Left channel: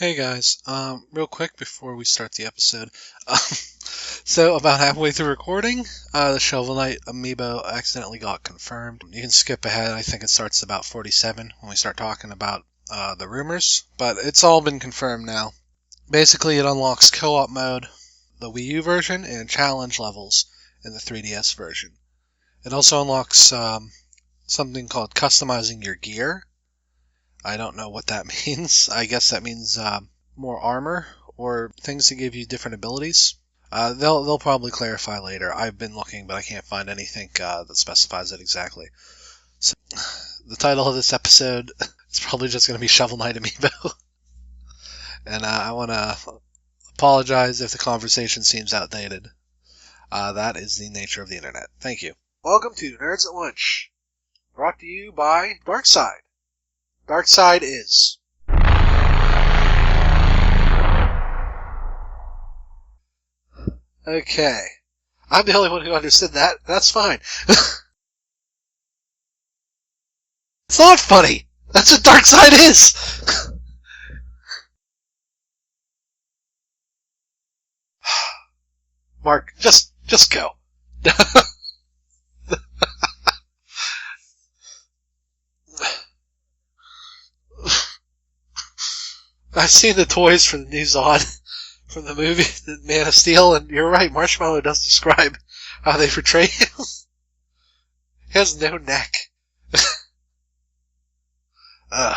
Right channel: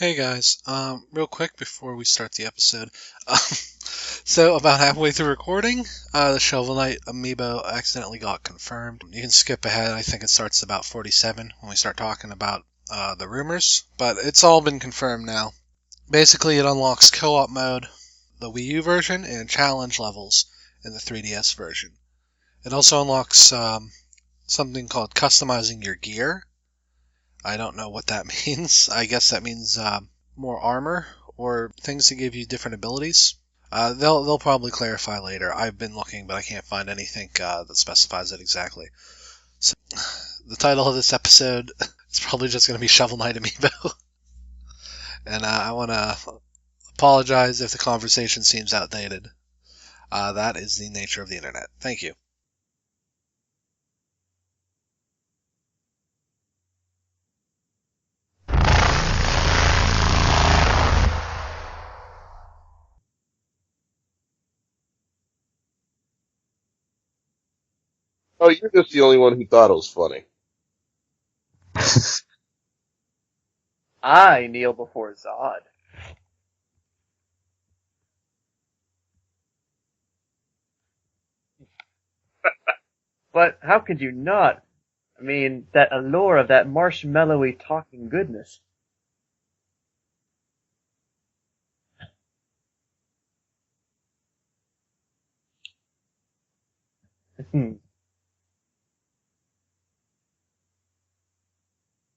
Hey guys, real quick before we start the episode. So about halfway through recording, the Shovel Knight Amiibo accidentally got confirmed. You can skip ahead. I think it starts about 47 when we start talking about the rumors, but it's all been confirmed now. Basically, it unlocks co-op mode, the Wii U version, and challenge levels in the 3DS version. It also unlocks something called customizing your gear. I don't know what that means. I guess that means more armor or things that give you different abilities. They'll probably clarify later. I've been looking, but I can't find anything that specifies it exactly. So, the title of this episode is probably just going to be Shovel Knight Amiibo. And I want to apologize if the conversation seems outdated. That is the nature of the internet. Thank you. Welcome to Nerds at Lunch, brought to you by Darkside. Darkside is. Okay. I'm the only one who understood that. That's fine. Oh, you're just the only one who thought it was funny. It's not funny. That's what Darkside is. I kneel before Zod. Mark, just go. But how could you not? I mean, that allure of that marshmallowy talking goodness. I've seen the toys for the new Zod from the movie The Man of Steel, and you're right, Marshmallow does describe how they portray him. He has no neck. But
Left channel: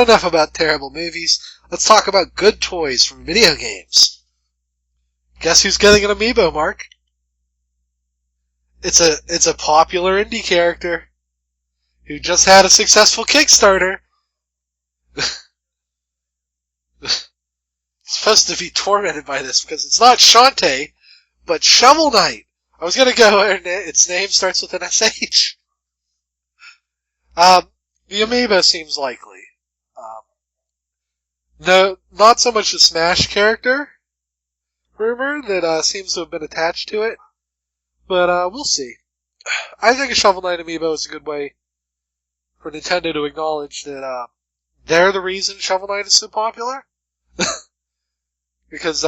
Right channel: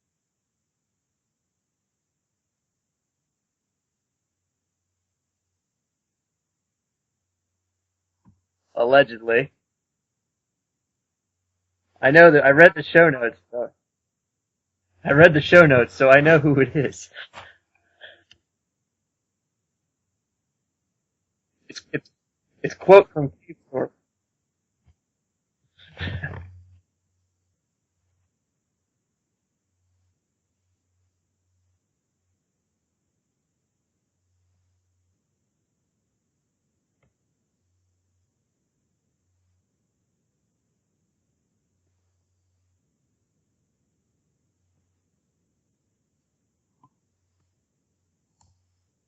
enough about terrible movies. Let's talk about good toys from video games. Guess who's getting an amiibo, Mark? Allegedly. It's a popular indie character. I know just had a successful Kickstarter. I read the show notes, so I know who it is. It's supposed to be tormented by this because it's not Shantae, but Shovel Knight. I was gonna go, and its name starts with an SH. The amiibo seems likely. No, not so much the Smash character rumor that seems to have been attached to it, but we'll see. I think a Shovel Knight amiibo is a good way for Nintendo to acknowledge that they're the reason Shovel Knight is so popular. Because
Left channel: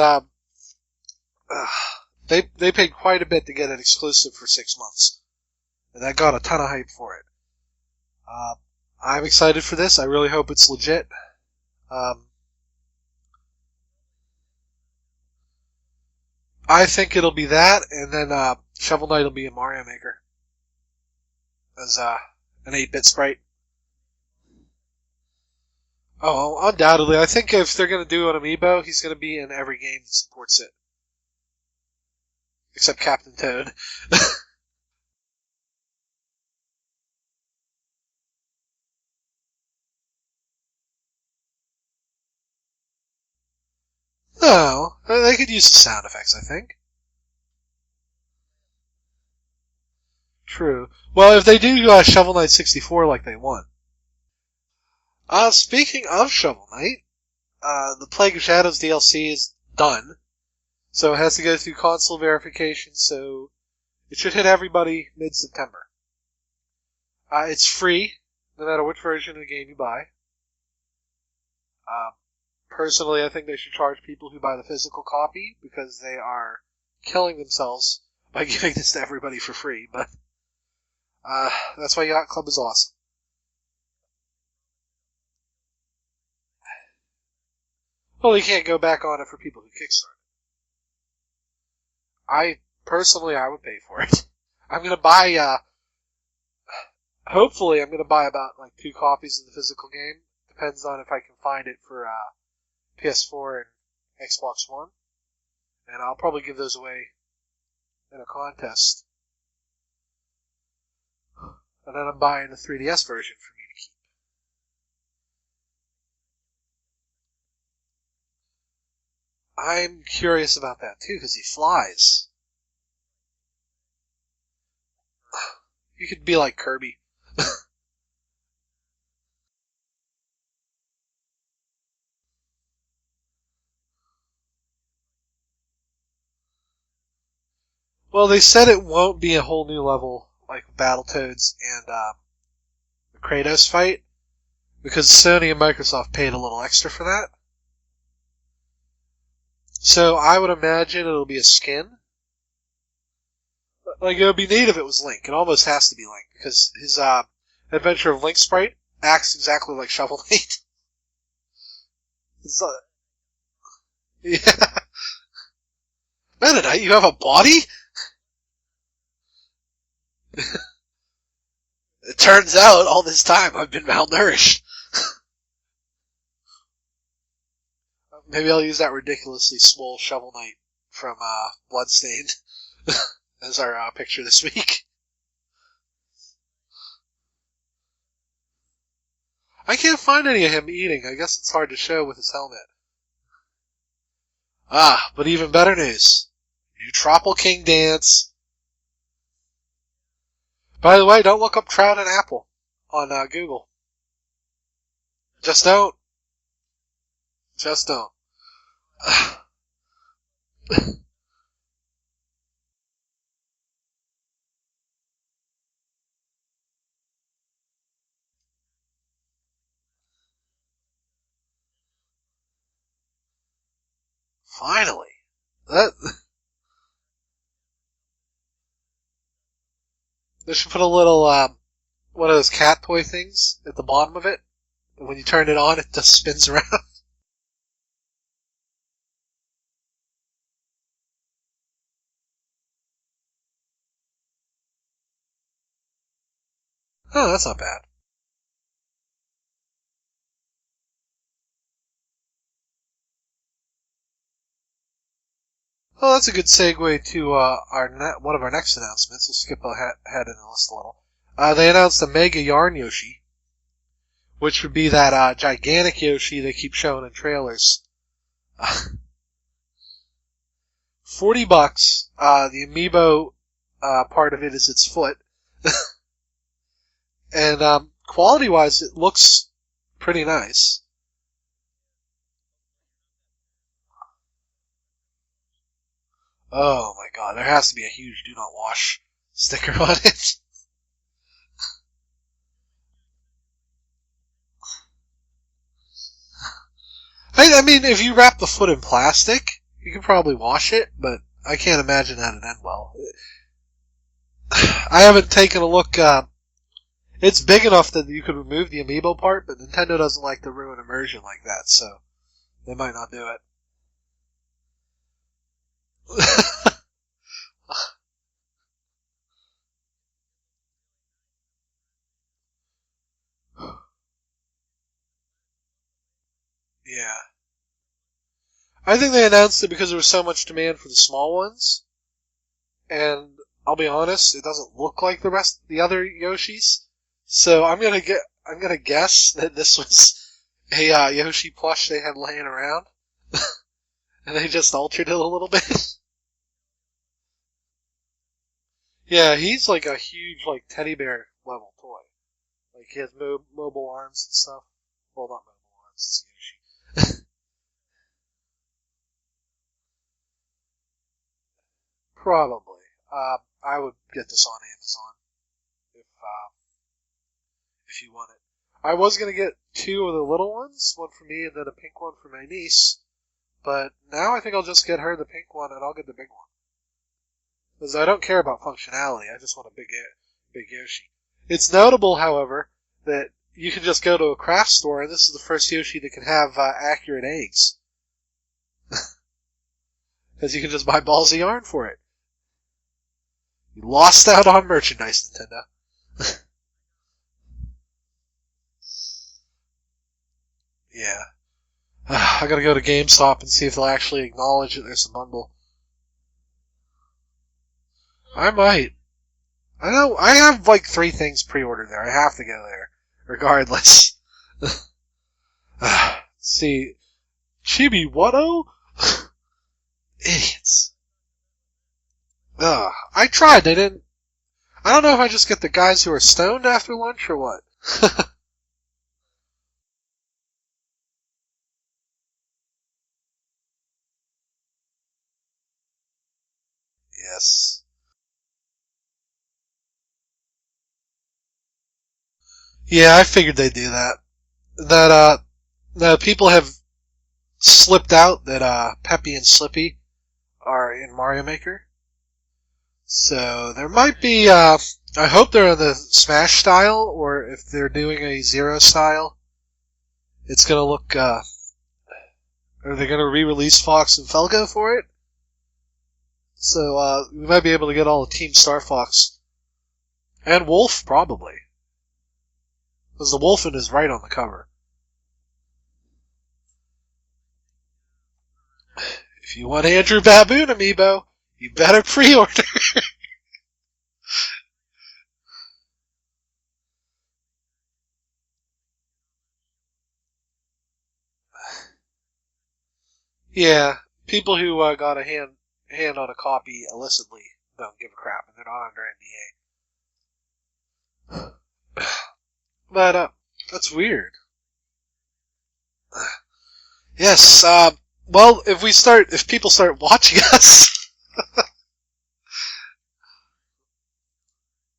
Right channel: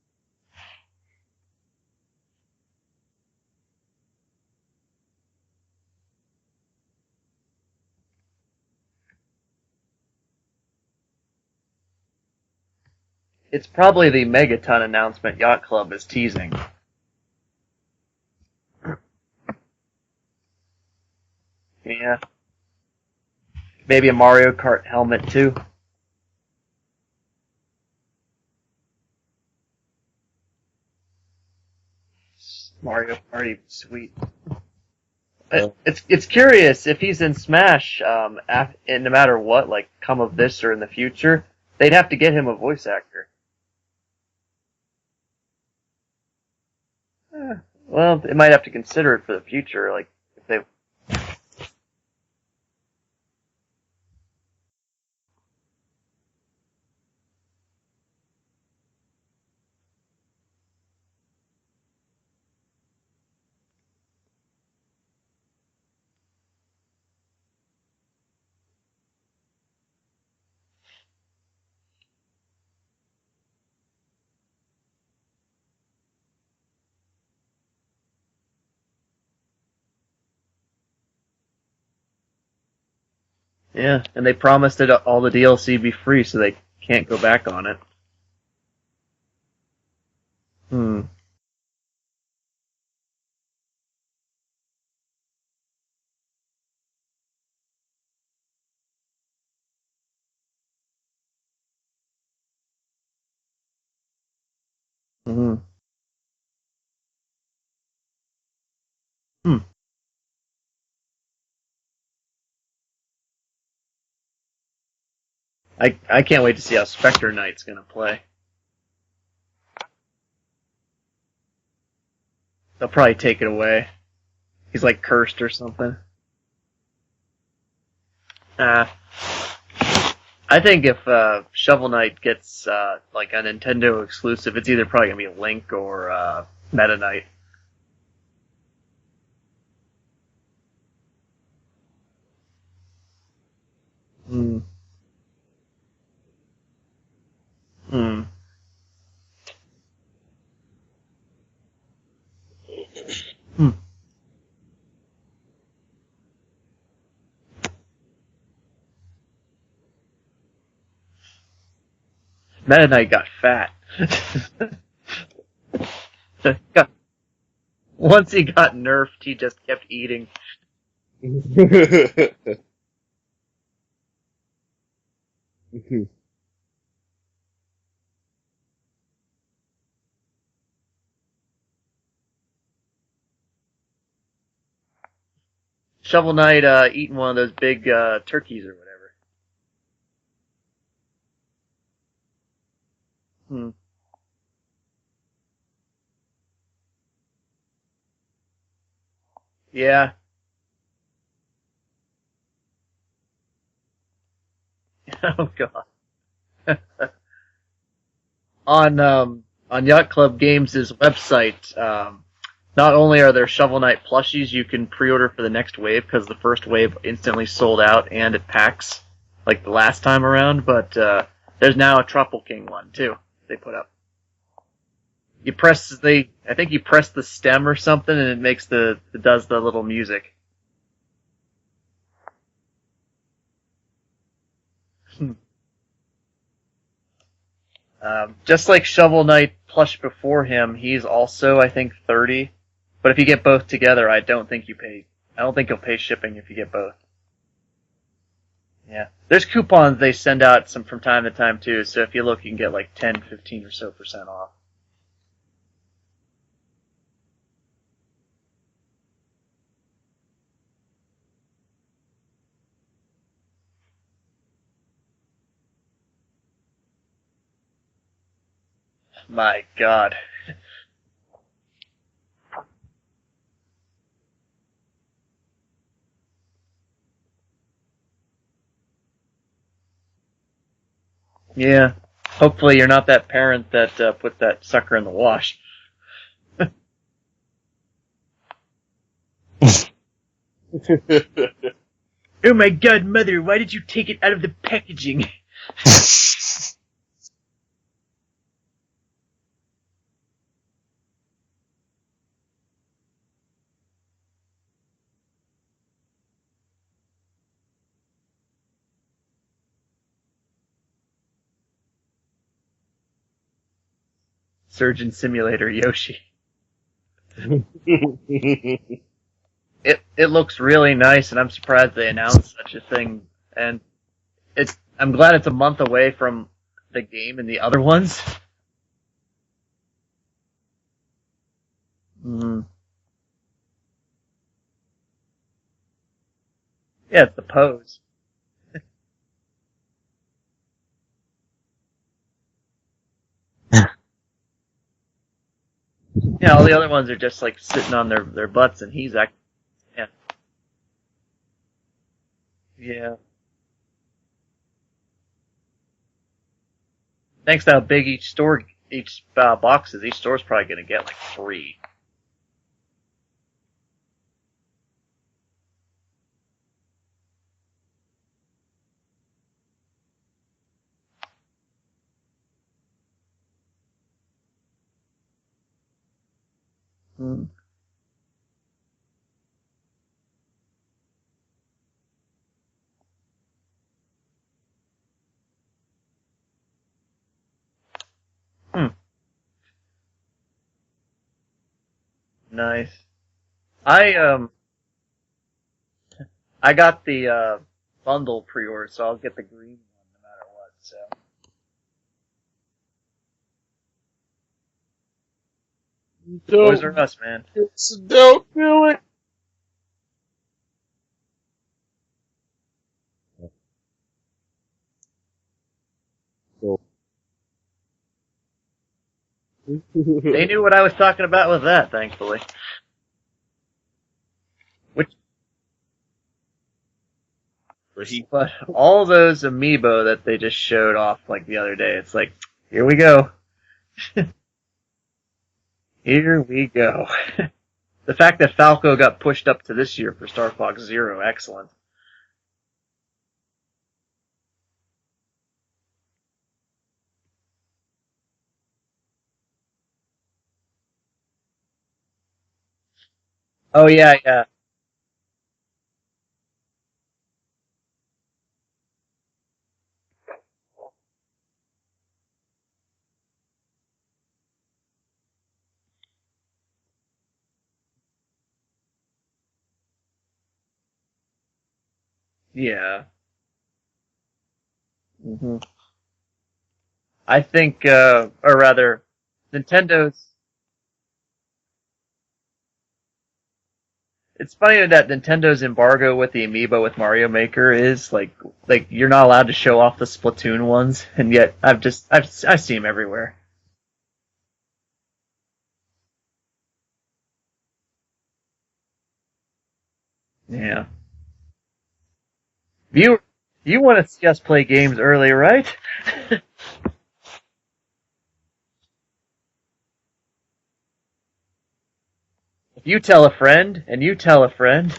they paid quite a bit to get it exclusive for 6 months. And that got a ton of hype for it. I'm excited for this. I really hope it's legit. It's probably the Megaton announcement Yacht Club is teasing. I think it'll be that, and then Shovel Knight will be a Mario Maker. As, an 8-bit sprite. Maybe a Mario Kart helmet, too. Oh, undoubtedly. I think if they're going to do an amiibo, he's going to be in every game that supports it. Except Mario Captain Mario, Toad. Sweet. It's curious, if he's in Smash, and no matter what, like, come of this or in the future, they'd have to get him a voice actor. No, they could use the sound effects, I think. Well, they might have to consider it for the future, like... True. Well, if they do Shovel Knight 64 like they want. Speaking of Shovel Knight, the Plague of Shadows DLC is done. So it has to go through console verification, so it should hit everybody mid-September. It's free, no matter which version of the game you buy. Personally, I think they should charge people who buy the physical copy, because they are killing themselves by giving this to everybody for free, but that's why Yacht Club is awesome. Yeah, and they promised that all the DLC be free, so they can't go back on it. Well, they can't go back on it for people who Kickstarter. Personally, I would pay for it. I'm gonna buy, hopefully I'm gonna buy about, 2 copies of the physical game. Depends on if I can find it for, PS4 and Xbox One. Mm-hmm. And I'll probably give those away in a contest. Hmm. And then I'm buying the 3DS version for me to keep. I can't wait to see how Spectre Knight's gonna play. I'm curious about that too, because he flies. They'll probably take it away. He's like cursed or something. You could be like Kirby. I think if Shovel Knight gets like a Nintendo exclusive, it's either probably gonna be Link or Meta Knight. Well, they said it won't be a whole new level like Battletoads and the Kratos fight, because Sony and Microsoft paid a little extra for that. Hmm. So I would imagine it'll be a skin. Like, it would be neat if it was Link. It almost has to be Link, because his Adventure of Link sprite acts exactly like Shovel Knight. Meta Knight got fat. Yeah. Meta Knight, you have a body? Once he got nerfed, he just kept eating. It turns out, all this time, I've been malnourished. Maybe I'll use that ridiculously swole Shovel Knight from Bloodstained as our picture this week. Shovel Knight eating one of those big turkeys or whatever. I can't find any of him eating. I guess it's hard to show with his helmet. But even better news. Eutropal King Dance. Yeah. By the way, don't look up Trout and Apple on Google. Just don't. Just don't. On Yacht Club Games' website, not only are there Shovel Knight plushies you can pre-order for the next wave, because the first wave instantly sold out and at PAX, like the last time around, but there's now a Tropical King one, too, they put up. Finally. You press I think you press the stem or something, and it does the little music. They should put a little, one of those cat toy things at the bottom of it. And when you turn it on, it just spins around. Just like Shovel Knight plush before him, he's also, I think, 30. But if you get both together, I don't think you'll pay shipping if you get both. Oh, that's not bad. Yeah. There's coupons they send out from time to time, too, so if you look, you can get like 10, 15 or so % off. Well, that's a good segue to one of our next announcements. We'll skip ahead in the list a little. They announced a Mega Yarn Yoshi, which would be that gigantic Yoshi they keep showing in trailers. My God. $40. The amiibo part of it is its foot. And quality-wise, it looks pretty nice. Yeah. Hopefully you're not that parent that put that sucker in the wash. Oh my God, there has to be a huge do not wash sticker on it. Oh my God, Mother, why did you take it out of the packaging? I mean, if you wrap the foot in plastic, you can probably wash it, but I can't imagine that'd end well. I haven't taken a look. It's big enough that you could remove the amiibo part, but Nintendo doesn't like to ruin immersion like that, so they might not do it. Surgeon Simulator Yoshi. It looks really nice, and I'm surprised they announced such a thing. And I'm glad it's a month away from the game and the other ones. I think they announced it because there was so much demand for the small ones. Mm-hmm. And I'll be honest, it doesn't look like the other Yoshis. Yeah, so I'm gonna guess that this was a Yoshi plush they had laying around, and they just altered it a little bit. Yeah, all the other ones are just like sitting on their butts, and he's he's like a huge like teddy bear level toy. Like, he has mobile arms and stuff. Well, not mobile arms. It's Yoshi. Thanks to how big each box is, each store's probably gonna get like 3. Probably. I would get this on Amazon if you want it. I was gonna get 2 of the little ones, one for me and then a pink one for my niece. But now I think I'll just get her the pink one and I'll get the big one. Because I don't care about functionality, I just want a big Yoshi. It's notable, however, that you can just go to a craft store and this is the first Yoshi that can have accurate eggs. Because you can just buy balls of yarn for it. Nice. Lost out on merchandise, Nintendo. I got the bundle pre-order, so I'll get the green one no matter what. So. Yeah. I gotta go to GameStop and see if they'll actually acknowledge that there's a bundle. Toys R Us, man. I might. I know. I have like 3 things pre-ordered there. I have to go there, regardless. See, CHIGGAWHUU? They knew what I was talking about with that, thankfully. I tried. They didn't. I don't know if I just get the guys who are stoned after lunch or what. But all those amiibo that they just showed off like the other day, it's like, here we go. Here we go. Yes. The fact that Falco got pushed up to this year for Star Fox Zero, excellent. Yeah, I figured they'd do that. That people have slipped out that Peppy and Slippy are in Mario Maker. So there might be. I hope they're in the Smash style, or if they're doing a Zero style, it's gonna look. Are they gonna re-release Fox and Felgo for it? So we might be able to get all the Team Star Fox and Wolf probably. Yeah. Because the Wolfen is right on the cover. Mm-hmm. I think, or rather, if you want Andrew Baboon amiibo, you better pre-order. It's funny that Nintendo's embargo with the amiibo with Mario Maker is like you're not allowed to show off the Splatoon ones, and yet I see them everywhere. Yeah, people who got a hand on a copy illicitly don't give a crap, and they're not under NDA. Yeah. You want to see us play games early, right? Yes. Well, if people start watching us. If you tell a friend, and you tell a friend,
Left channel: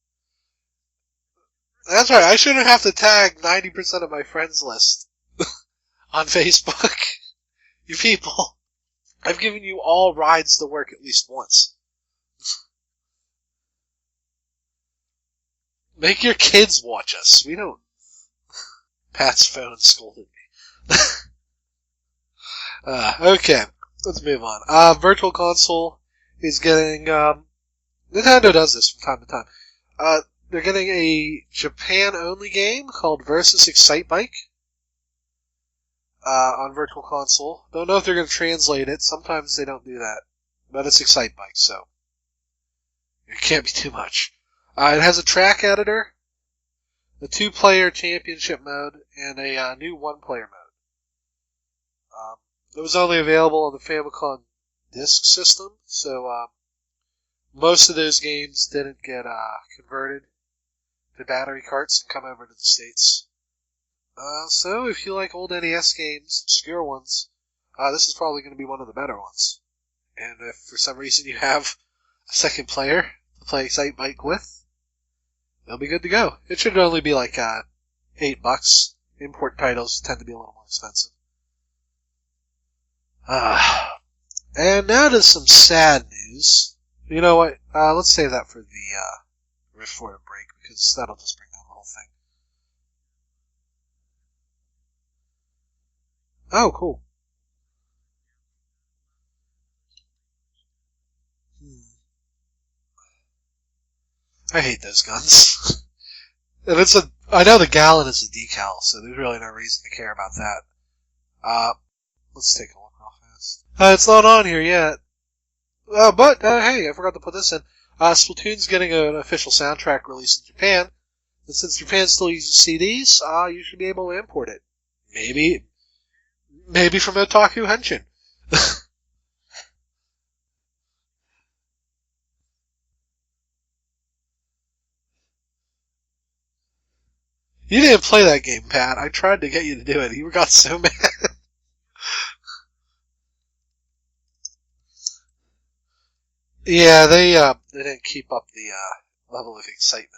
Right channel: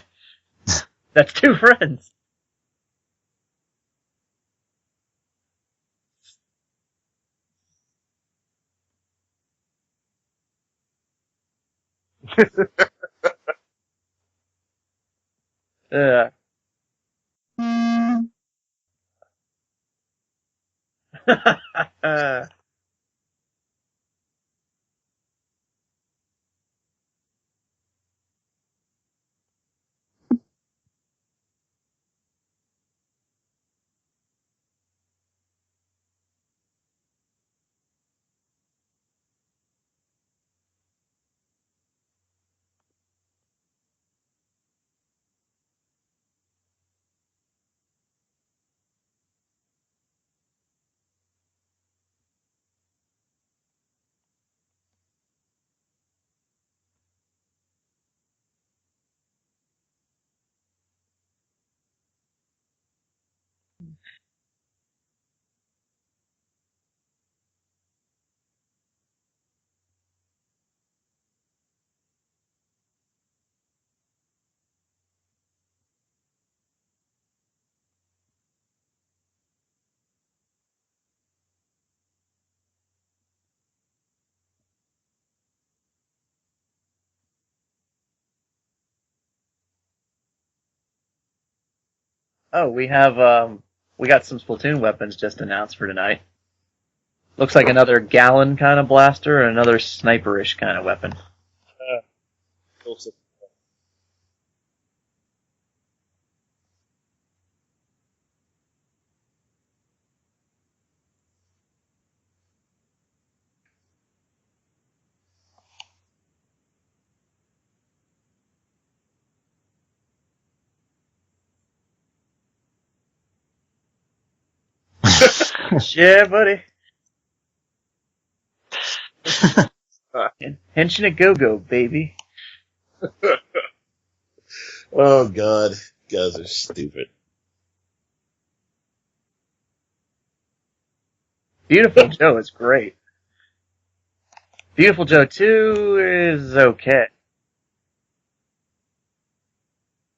that's 2 friends. That's right. I shouldn't have to tag 90% of my friends list on Facebook. You people, I've given you all rides to work at least once. Make your kids watch us. We don't. Pat's phone scolded me. Okay, let's move on. Virtual Console is getting. Nintendo does this from time to time. They're getting a Japan-only game called Vs.Excitebike on Virtual Console. Don't know if they're going to translate it. Sometimes they don't do that. But it's Excitebike, so it can't be too much. It has a track editor, a 2-player championship mode, and a new 1-player mode. It was only available on the Famicom Disk System, so most of those games didn't get converted to battery carts and come over to the States. So if you like old NES games, obscure ones, this is probably going to be one of the better ones. And if for some reason you have a second player to play Excitebike with, they'll be good to go. It should only be like $8. Import titles tend to be a little more expensive. And now to some sad news. You know what? Let's save that for the before the break, because that'll just bring down the whole thing. Oh, we got some Splatoon weapons just announced for tonight. Oh, cool. Looks like another gallon kind of blaster and another sniperish kind of weapon. I hate those guns. And I know the gallon is a decal, so there's really no reason to care about that. Let's take a look real fast. It's not on here yet. But hey, I forgot to put this in. Splatoon's getting an official soundtrack release in Japan. And since Japan still uses CDs, you should be able to import it. Maybe, yeah, buddy. Maybe from Otaku Henshin. Henshin a go-go, baby. Oh, God. You guys are stupid. You didn't play that game, Pat. I tried to get you to do it. You got so mad. Beautiful Joe is great. Beautiful Joe 2 is okay. Yeah, they didn't keep up the level of excitement.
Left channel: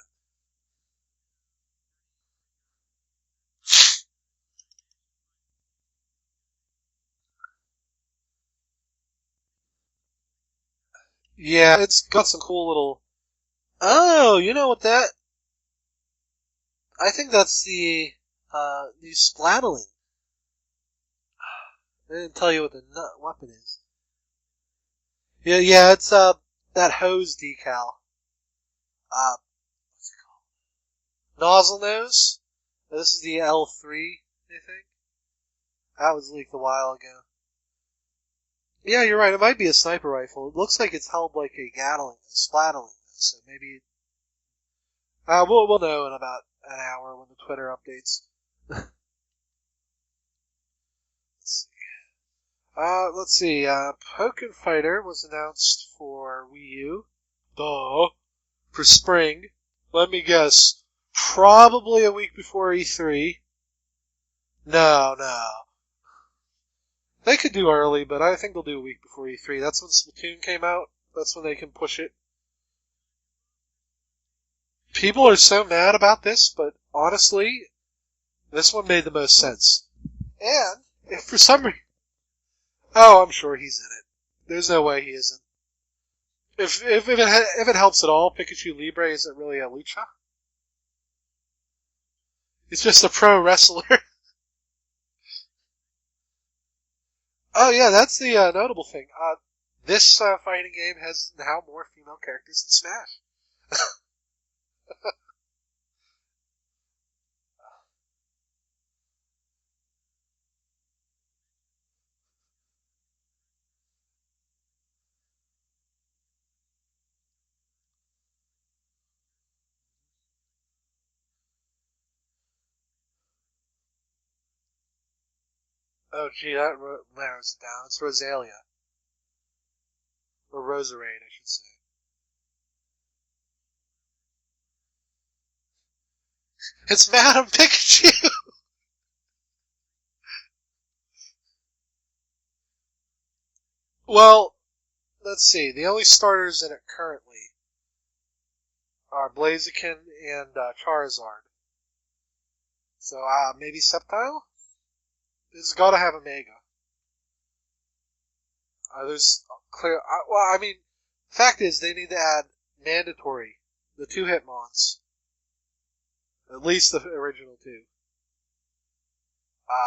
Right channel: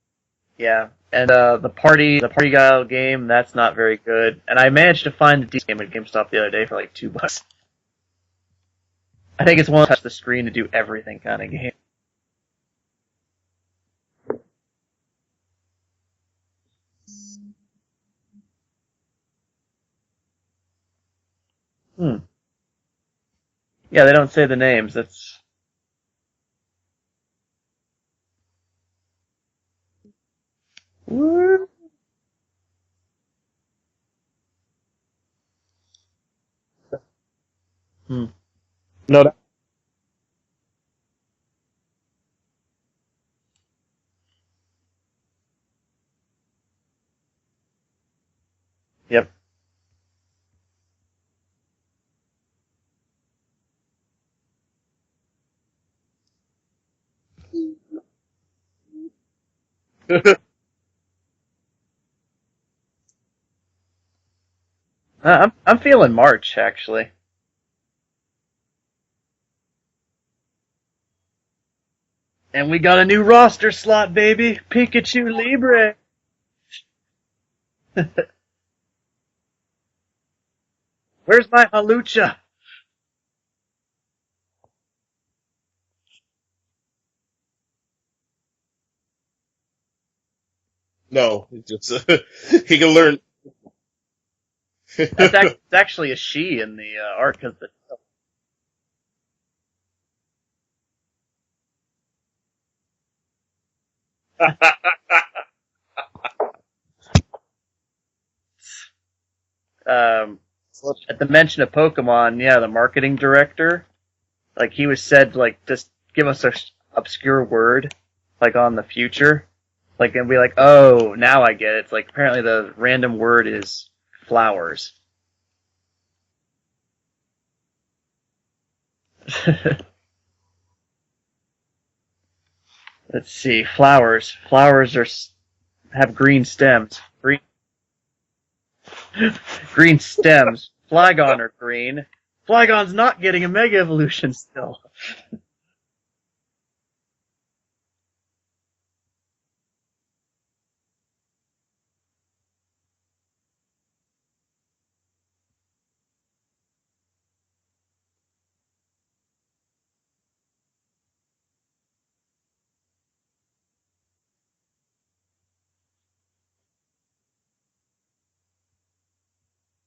Yeah, and the party guile game, that's not very good. And I managed to find the decent game at GameStop the other day for like $2. I think it's one to touch the screen to do everything kind of game. Yeah, it's got some cool little. Oh, you know what that? I think that's the new Splatling. I didn't tell you what the weapon is. Yeah, they don't say the names. That's yeah. It's that hose decal. What's it called? Nozzle nose. This is the L3, I think. That was leaked a while ago. Yeah, you're right. It might be a sniper rifle. It looks like it's held like a Gatling, Splatling. So maybe. We'll know in about an hour when the Twitter updates. Yep. Let's see. Pokken Fighter was announced for Wii U. For spring. Let me guess. Probably a week before E3. No. I'm feeling March, actually. They could do early, but I think they'll do a week before E3. That's when Splatoon came out. That's when they can push it. And we got a new roster slot, baby. Pikachu People are so Libre. mad about this, but honestly, this one made the most sense. And If for Where's some my re- Halucha? Oh, I'm sure he's in it. There's no way he isn't. If it helps at all, Pikachu Libre isn't really a lucha. No, it's just He's he can just learn. a pro wrestler. It's actually a she in the art. Cause Oh yeah, that's the notable thing. This fighting game has now more female characters than Smash. At the mention of Pokemon, yeah, the marketing director, like he was said, like just give us a obscure word, like on the future, like and be like, oh, now I get it. It's like apparently the random word is flowers. Oh gee, that narrows it down. It's Rosalia. Or Roserade, I should say. Let's see, flowers. Flowers have green stems. It's Madam Pikachu! Green stems. Flygon are green. Flygon's not getting a Mega Evolution Well, still. Let's see. The only starters in it currently are Blaziken and Charizard. So, maybe Sceptile? It's got to have a Mega. There's clear. Fact is, they need to add mandatory the 2 Hitmons. At least the original 2.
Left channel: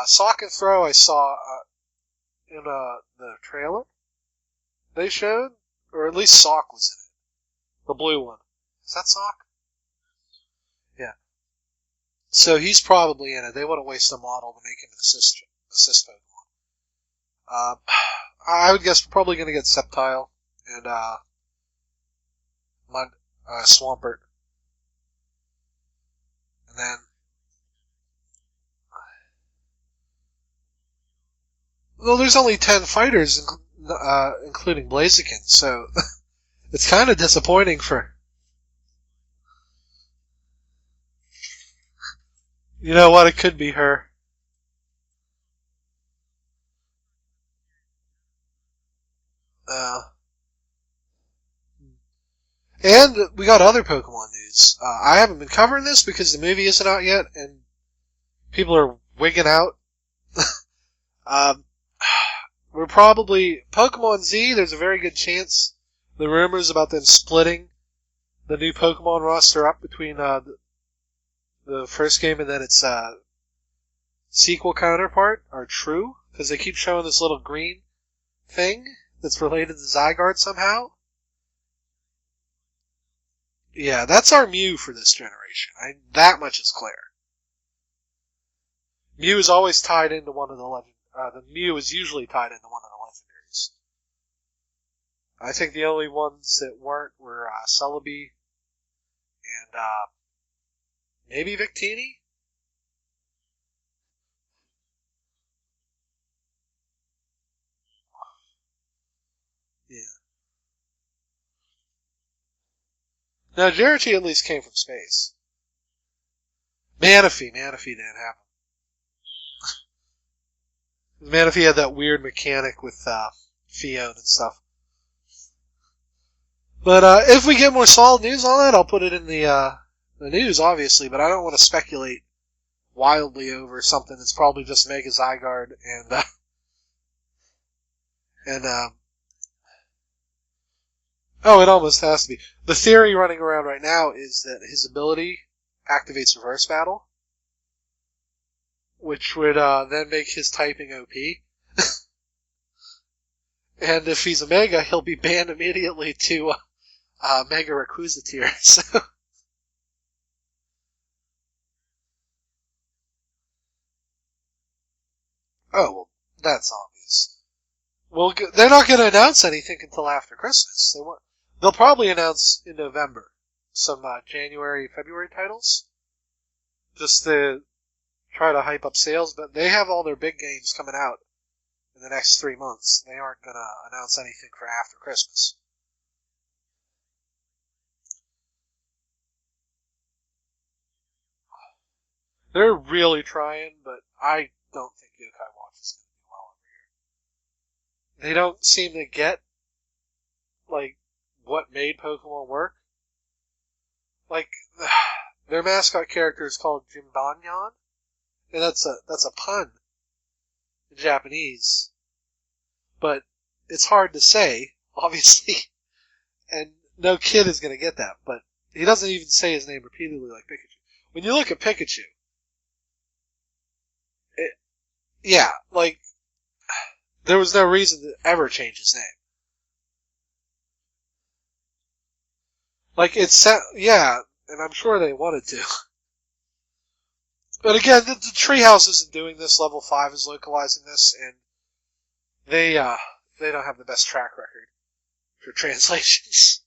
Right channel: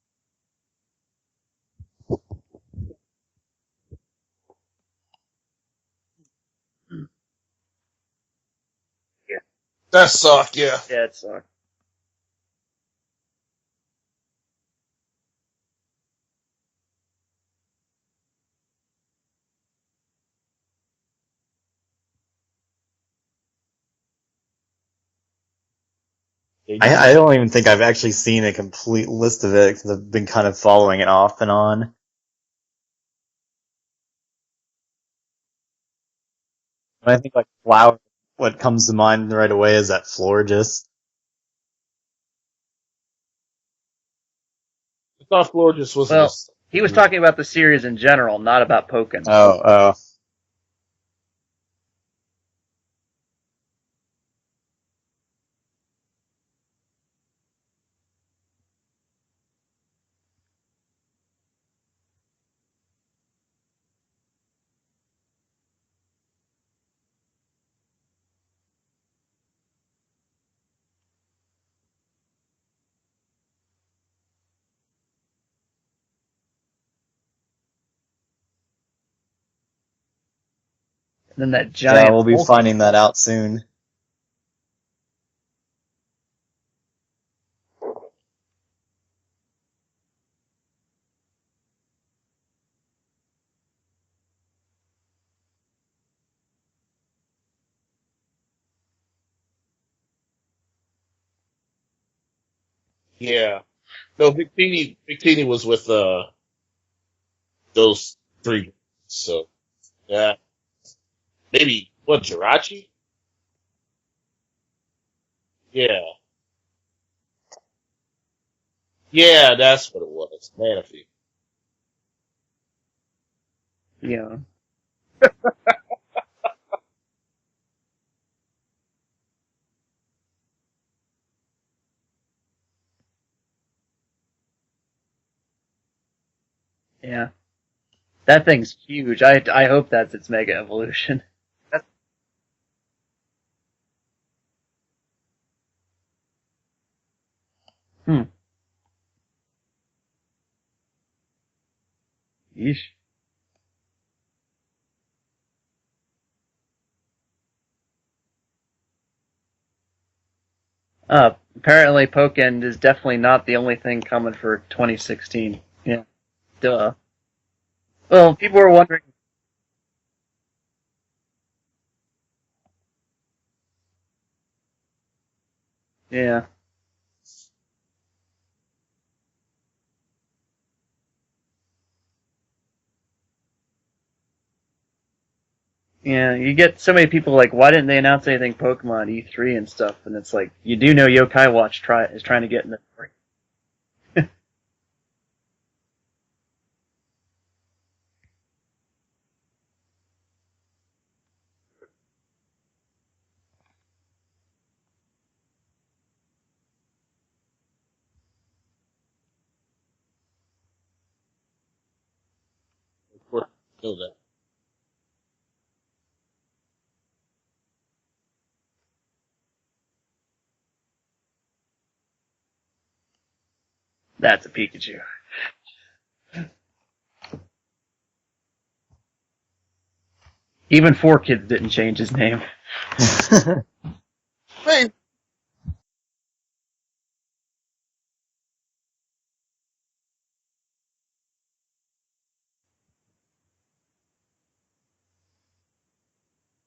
Sock and Throw I saw in the trailer they showed, or at least Sock was in it. The blue one. Is that Sock? Yeah. That's soft, yeah. Yeah, it's Sock. So he's probably in it. They wouldn't waste a model to make him an assist Pokemon. I would guess we're probably going to get Sceptile and Swampert. I don't even think I've actually seen a complete list of it because I've been kind of following it off and on. Well, there's only 10 fighters, including Blaziken, so it's kind of disappointing for... What comes to mind right away is that Florges. You know what? It could be her. I thought Florges was. Well, he was talking about the series in general, not about Pokken. And we got other Pokemon news. I haven't been covering this because the movie isn't out yet, and people are wigging out. We're probably... Pokemon Z, there's a very good chance the rumors about them splitting the new Pokemon roster up between the first game and then its sequel counterpart are true, because they keep showing this little green thing that's related to Zygarde somehow. And then that giant. Yeah, we'll be finding that out soon. Yeah, that's our Mew for this generation. That much is clear. Mew is always tied into one of the legend. The Mew is usually tied into one of the legendaries. I think the only ones that weren't were Celebi and maybe Victini. Yeah. No, Victini was with those 3. So yeah. Maybe Jirachi? No, Jirachi at least came from space. Yeah. Manaphy didn't have him. Yeah, that's what it was. Manaphy. Manaphy had that weird mechanic with Fios and stuff. But if we get more solid news on that, I'll put it in the news, obviously. But I don't want to speculate wildly over something that's probably just Mega Zygarde and. Yeah. That thing's huge. I hope that's its Mega Evolution. Oh, it almost has to be. The theory running around right now is that his ability activates Reverse Battle. Which would then make his typing OP. Yeesh. And if he's a Mega, he'll be banned immediately to Mega Rayquaza tier. So. Apparently Pokken is definitely not the only thing coming for 2016. Oh, yeah. That's obvious. Well, they're not going to announce anything until after Christmas. They'll probably announce in November some January, February titles. Yeah. Just to try to hype up sales, but they have all their big games coming out in the next 3 months. They aren't going to announce anything for after Christmas. Yeah, you get so many people like, why didn't they announce anything Pokemon E3 and stuff? And it's like, you do know Yokai Watch is trying to get... They're really trying, but I don't think Yokai Watch is going to do well. They don't seem to get, like, what made Pokemon work. Like, their mascot character is called Jimbanyan, and that's a pun. Japanese, but Well, it's hard to say, obviously, and no kid is going to get that, but he doesn't even say his name repeatedly like Pikachu. When you look at Pikachu... That's a Pikachu. Yeah, like, there was no reason to ever change his name. Even 4Kids didn't change his name. Like, yeah, and I'm sure they wanted to. But again, the Treehouse isn't doing this. Level 5 is localizing this, and they don't have the best track record for translations.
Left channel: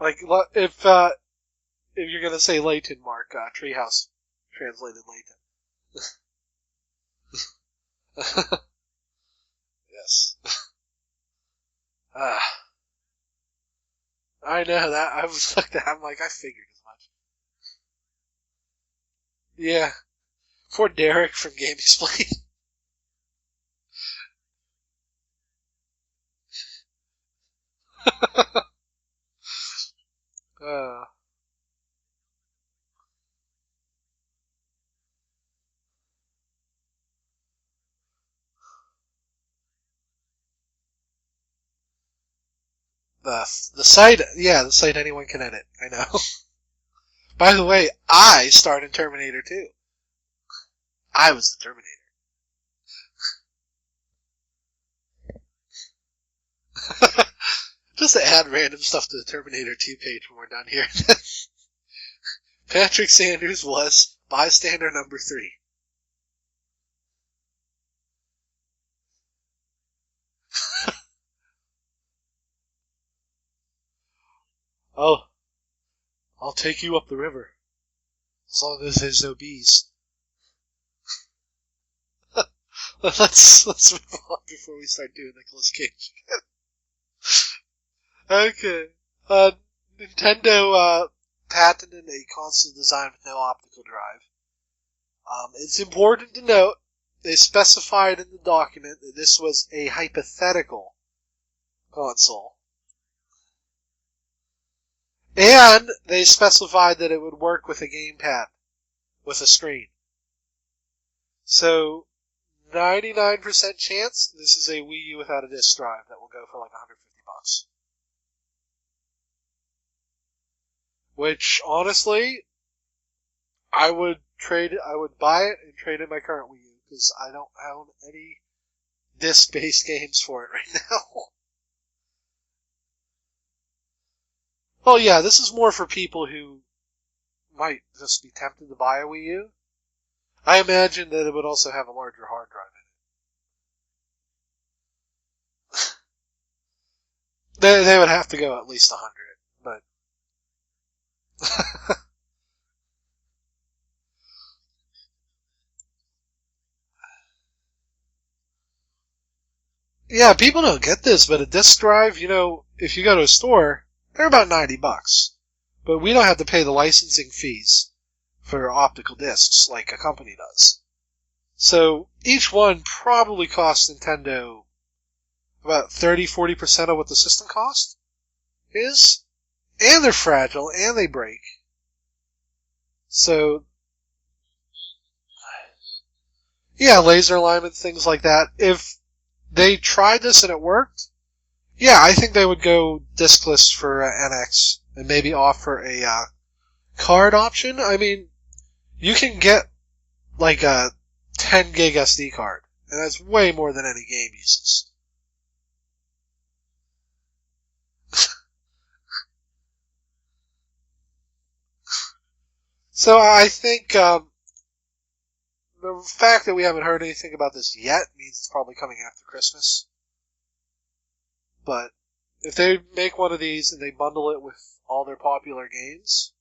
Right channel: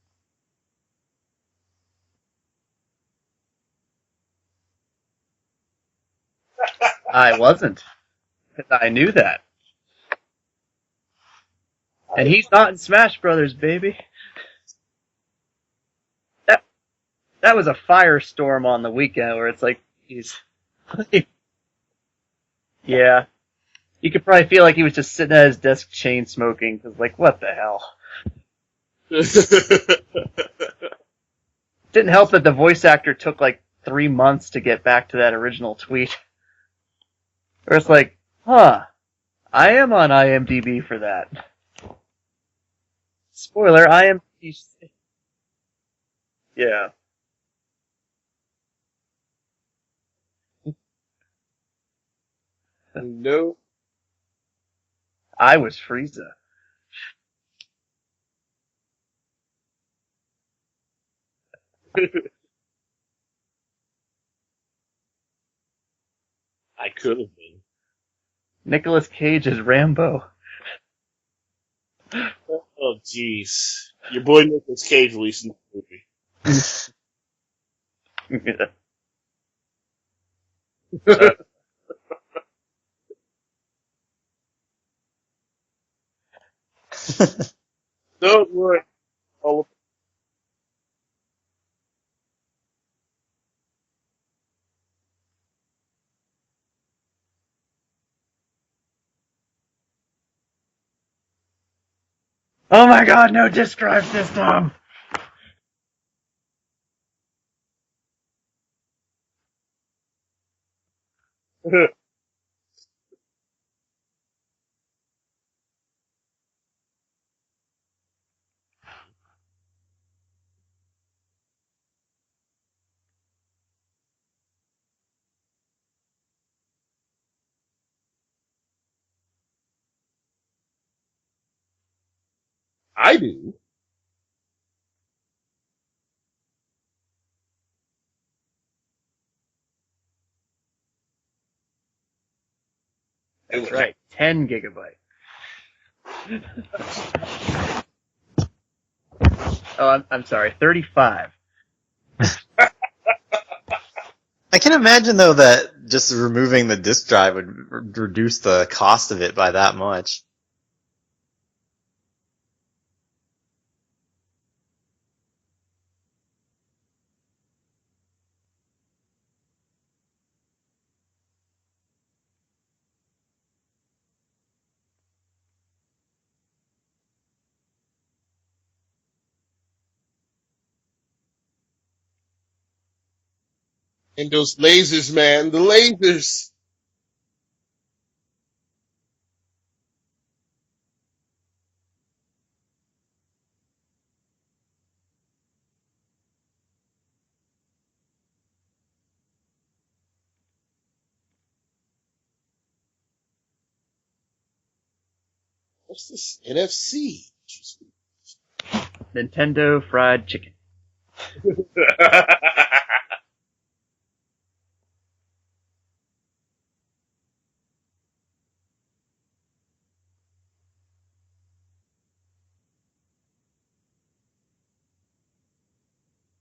Like, if you're gonna say Layton, Mark, Treehouse translated Layton. I wasn't. I knew that. Yes. And he's not in Smash Brothers, baby. I know that. I was looked at. I'm like, I figured as much. That was a firestorm on the weekend where it's like, Yeah. he's... Poor Derek from Game Explain. Yeah. You could probably feel like he was just sitting at his desk chain smoking, because, like, what the hell? Didn't help that the voice actor took, like, 3 months to get back to that original tweet. Where it's like, I am on IMDb for that. Spoiler, the site, the site anyone can edit. I know. Yeah. By the way, I starred in Terminator 2. I was the Terminator. No. I was Frieza. Just to add random stuff to the Terminator 2 page when we're done here. Patrick Sanders was bystander number 3. I could have been. Nicolas Cage is Rambo. Oh, jeez. Your boy Nicolas Cage released the movie. I'll take you up the river. As long as there's no bees. Let's move on before we start doing Nicolas Cage. Okay. Nintendo patented a console designed with no optical drive. It's important to note they specified in the document that this was a hypothetical console. Oh my god, no disk drive system! And they specified that it would work with a gamepad, with a screen. So, 99% chance this is a Wii U without a disk drive that will go for like $150. Which, honestly, I would buy it and trade in my current Wii U, because I don't own any disc-based games for it right now. I do. Well, yeah, this is more for people who might just be tempted to buy a Wii U. I imagine that it would also have a larger hard drive in it. That's right, 10 gigabyte. They would have to go at least 100. But... Oh, I'm sorry, 35. I can imagine, though, that just removing the disk drive would reduce the cost of it by that much. Yeah, people don't get this, but a disk drive, if you go to a store, they're about $90. But we don't have to pay the licensing fees for optical discs like a company does. So each one probably costs Nintendo about 30-40% of what the system cost is. And they're fragile, and they break. So... And those lasers, man, the lasers. Yeah, laser alignment, things like that. If they tried this and it worked, yeah, I think they would go diskless for NX and maybe offer a card option. I mean, you can get like a 10 gig SD card, and that's way more than any game uses. What's this? NFC. Nintendo Fried Chicken. So I think the fact that we haven't heard anything about this yet means it's probably coming after Christmas. But if they make one of these and they bundle it with all their popular games,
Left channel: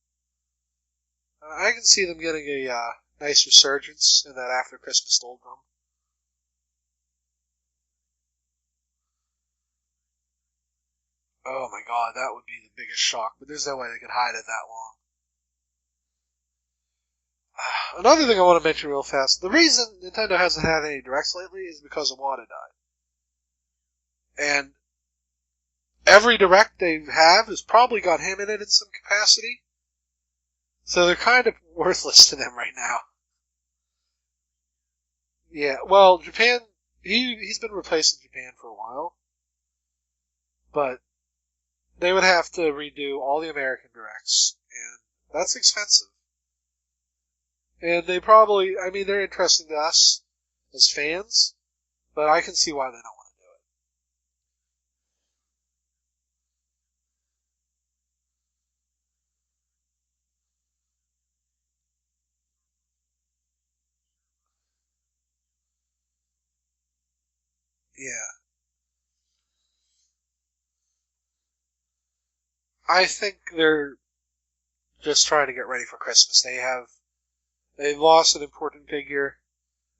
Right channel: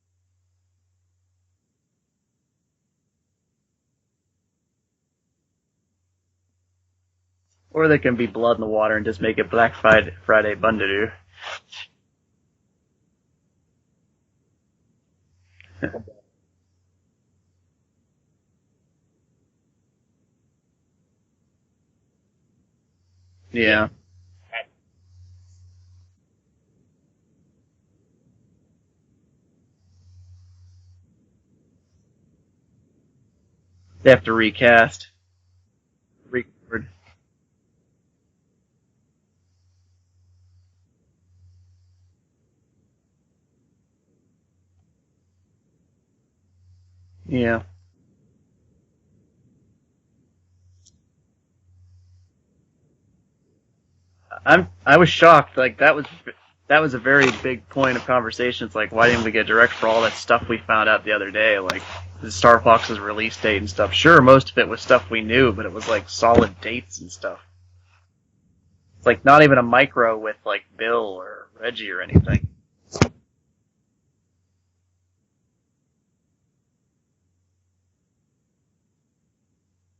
I can see them getting a nice resurgence in that after Christmas doldrum. Or they can be blood in the water and just make it Black Friday Bundadoo. Oh my god, that would be the biggest shock, but there's no way they could hide it that long. Another thing I want to mention real fast, the reason Nintendo hasn't had any directs lately is because Iwata died. Yeah. And every direct they have has probably got him in it in some capacity. So they're kind of worthless to them right now. They have to recast. Yeah, well, Japan, Restored. he's been replaced in Japan for a while, but they would have to redo all the American directs, and that's expensive. Yeah. And they probably, I mean, they're interesting to us as fans, but I can see why they don't want to do it. I was shocked. Like that was a very big point of conversation. It's like, why didn't we get direct for all that stuff we found out the other day? Like the Star Fox's release date and stuff. Sure, most of it was stuff we knew, but it was like solid dates and stuff. Yeah. It's like not even a micro with like Bill or Reggie or anything. I think they're just trying to get ready for Christmas. They've lost an important figure.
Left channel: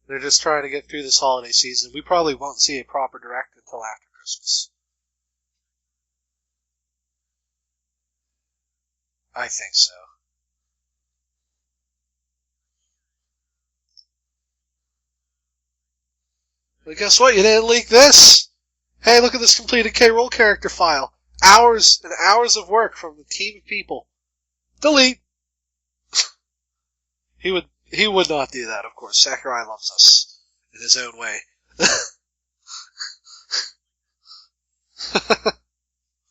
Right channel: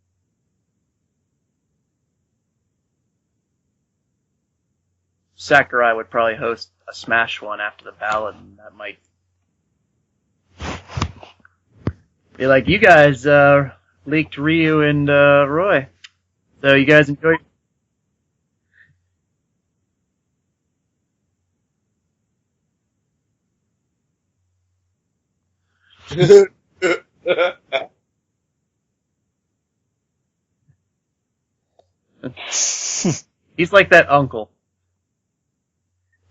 They're just trying to get through this holiday season. We probably won't see a proper direct until after Christmas. Sakurai would probably host a Smash one after the ballad, and that might I think so. be like, you guys leaked Ryu and Roy. So you guys Guess what? You didn't leak this. Hey, look at this completed K-Roll character file. Hours and hours of work from a team of people. Delete. He would not do that, of course. Sakurai loves us in his own way. He's like that uncle.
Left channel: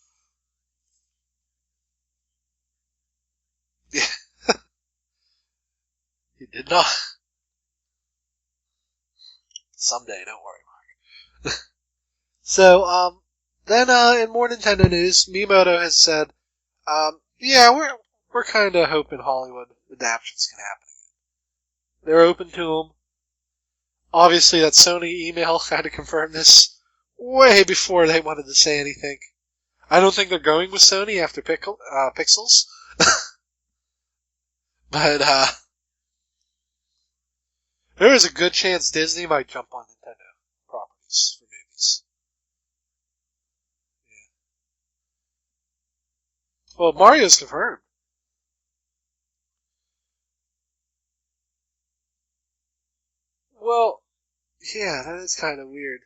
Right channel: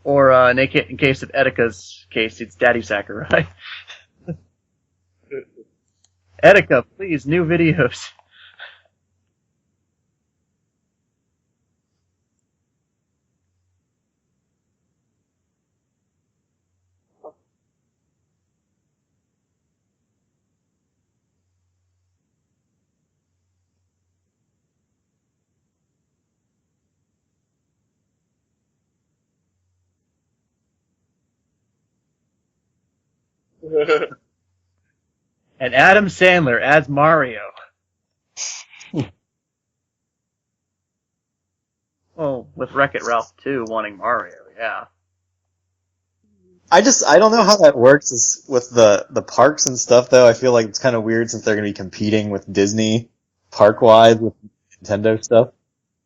Or in case of Etika's case, it's Daddy Sakurai. Etika, please, new videos. Someday, don't worry, Mark. So, then in more Nintendo news, Miyamoto has said, yeah, we're kind of hoping Hollywood adaptions can happen. They're open to them. Obviously, that Sony email had to confirm this way before they wanted to say anything. I don't think they're going with Sony after Pixels. But, And Adam Sandler adds Mario. there is a good chance Disney might jump on Nintendo properties for movies. Oh, with Wreck-It Ralph 2 wanting Mario, yeah. I Well, don't know Mario's how over. that works is with the parks and stuff, though. I feel like it's kind of weird since they're going to be competing with Disney park-wise with Yeah, Nintendo that is stuff. kind of weird.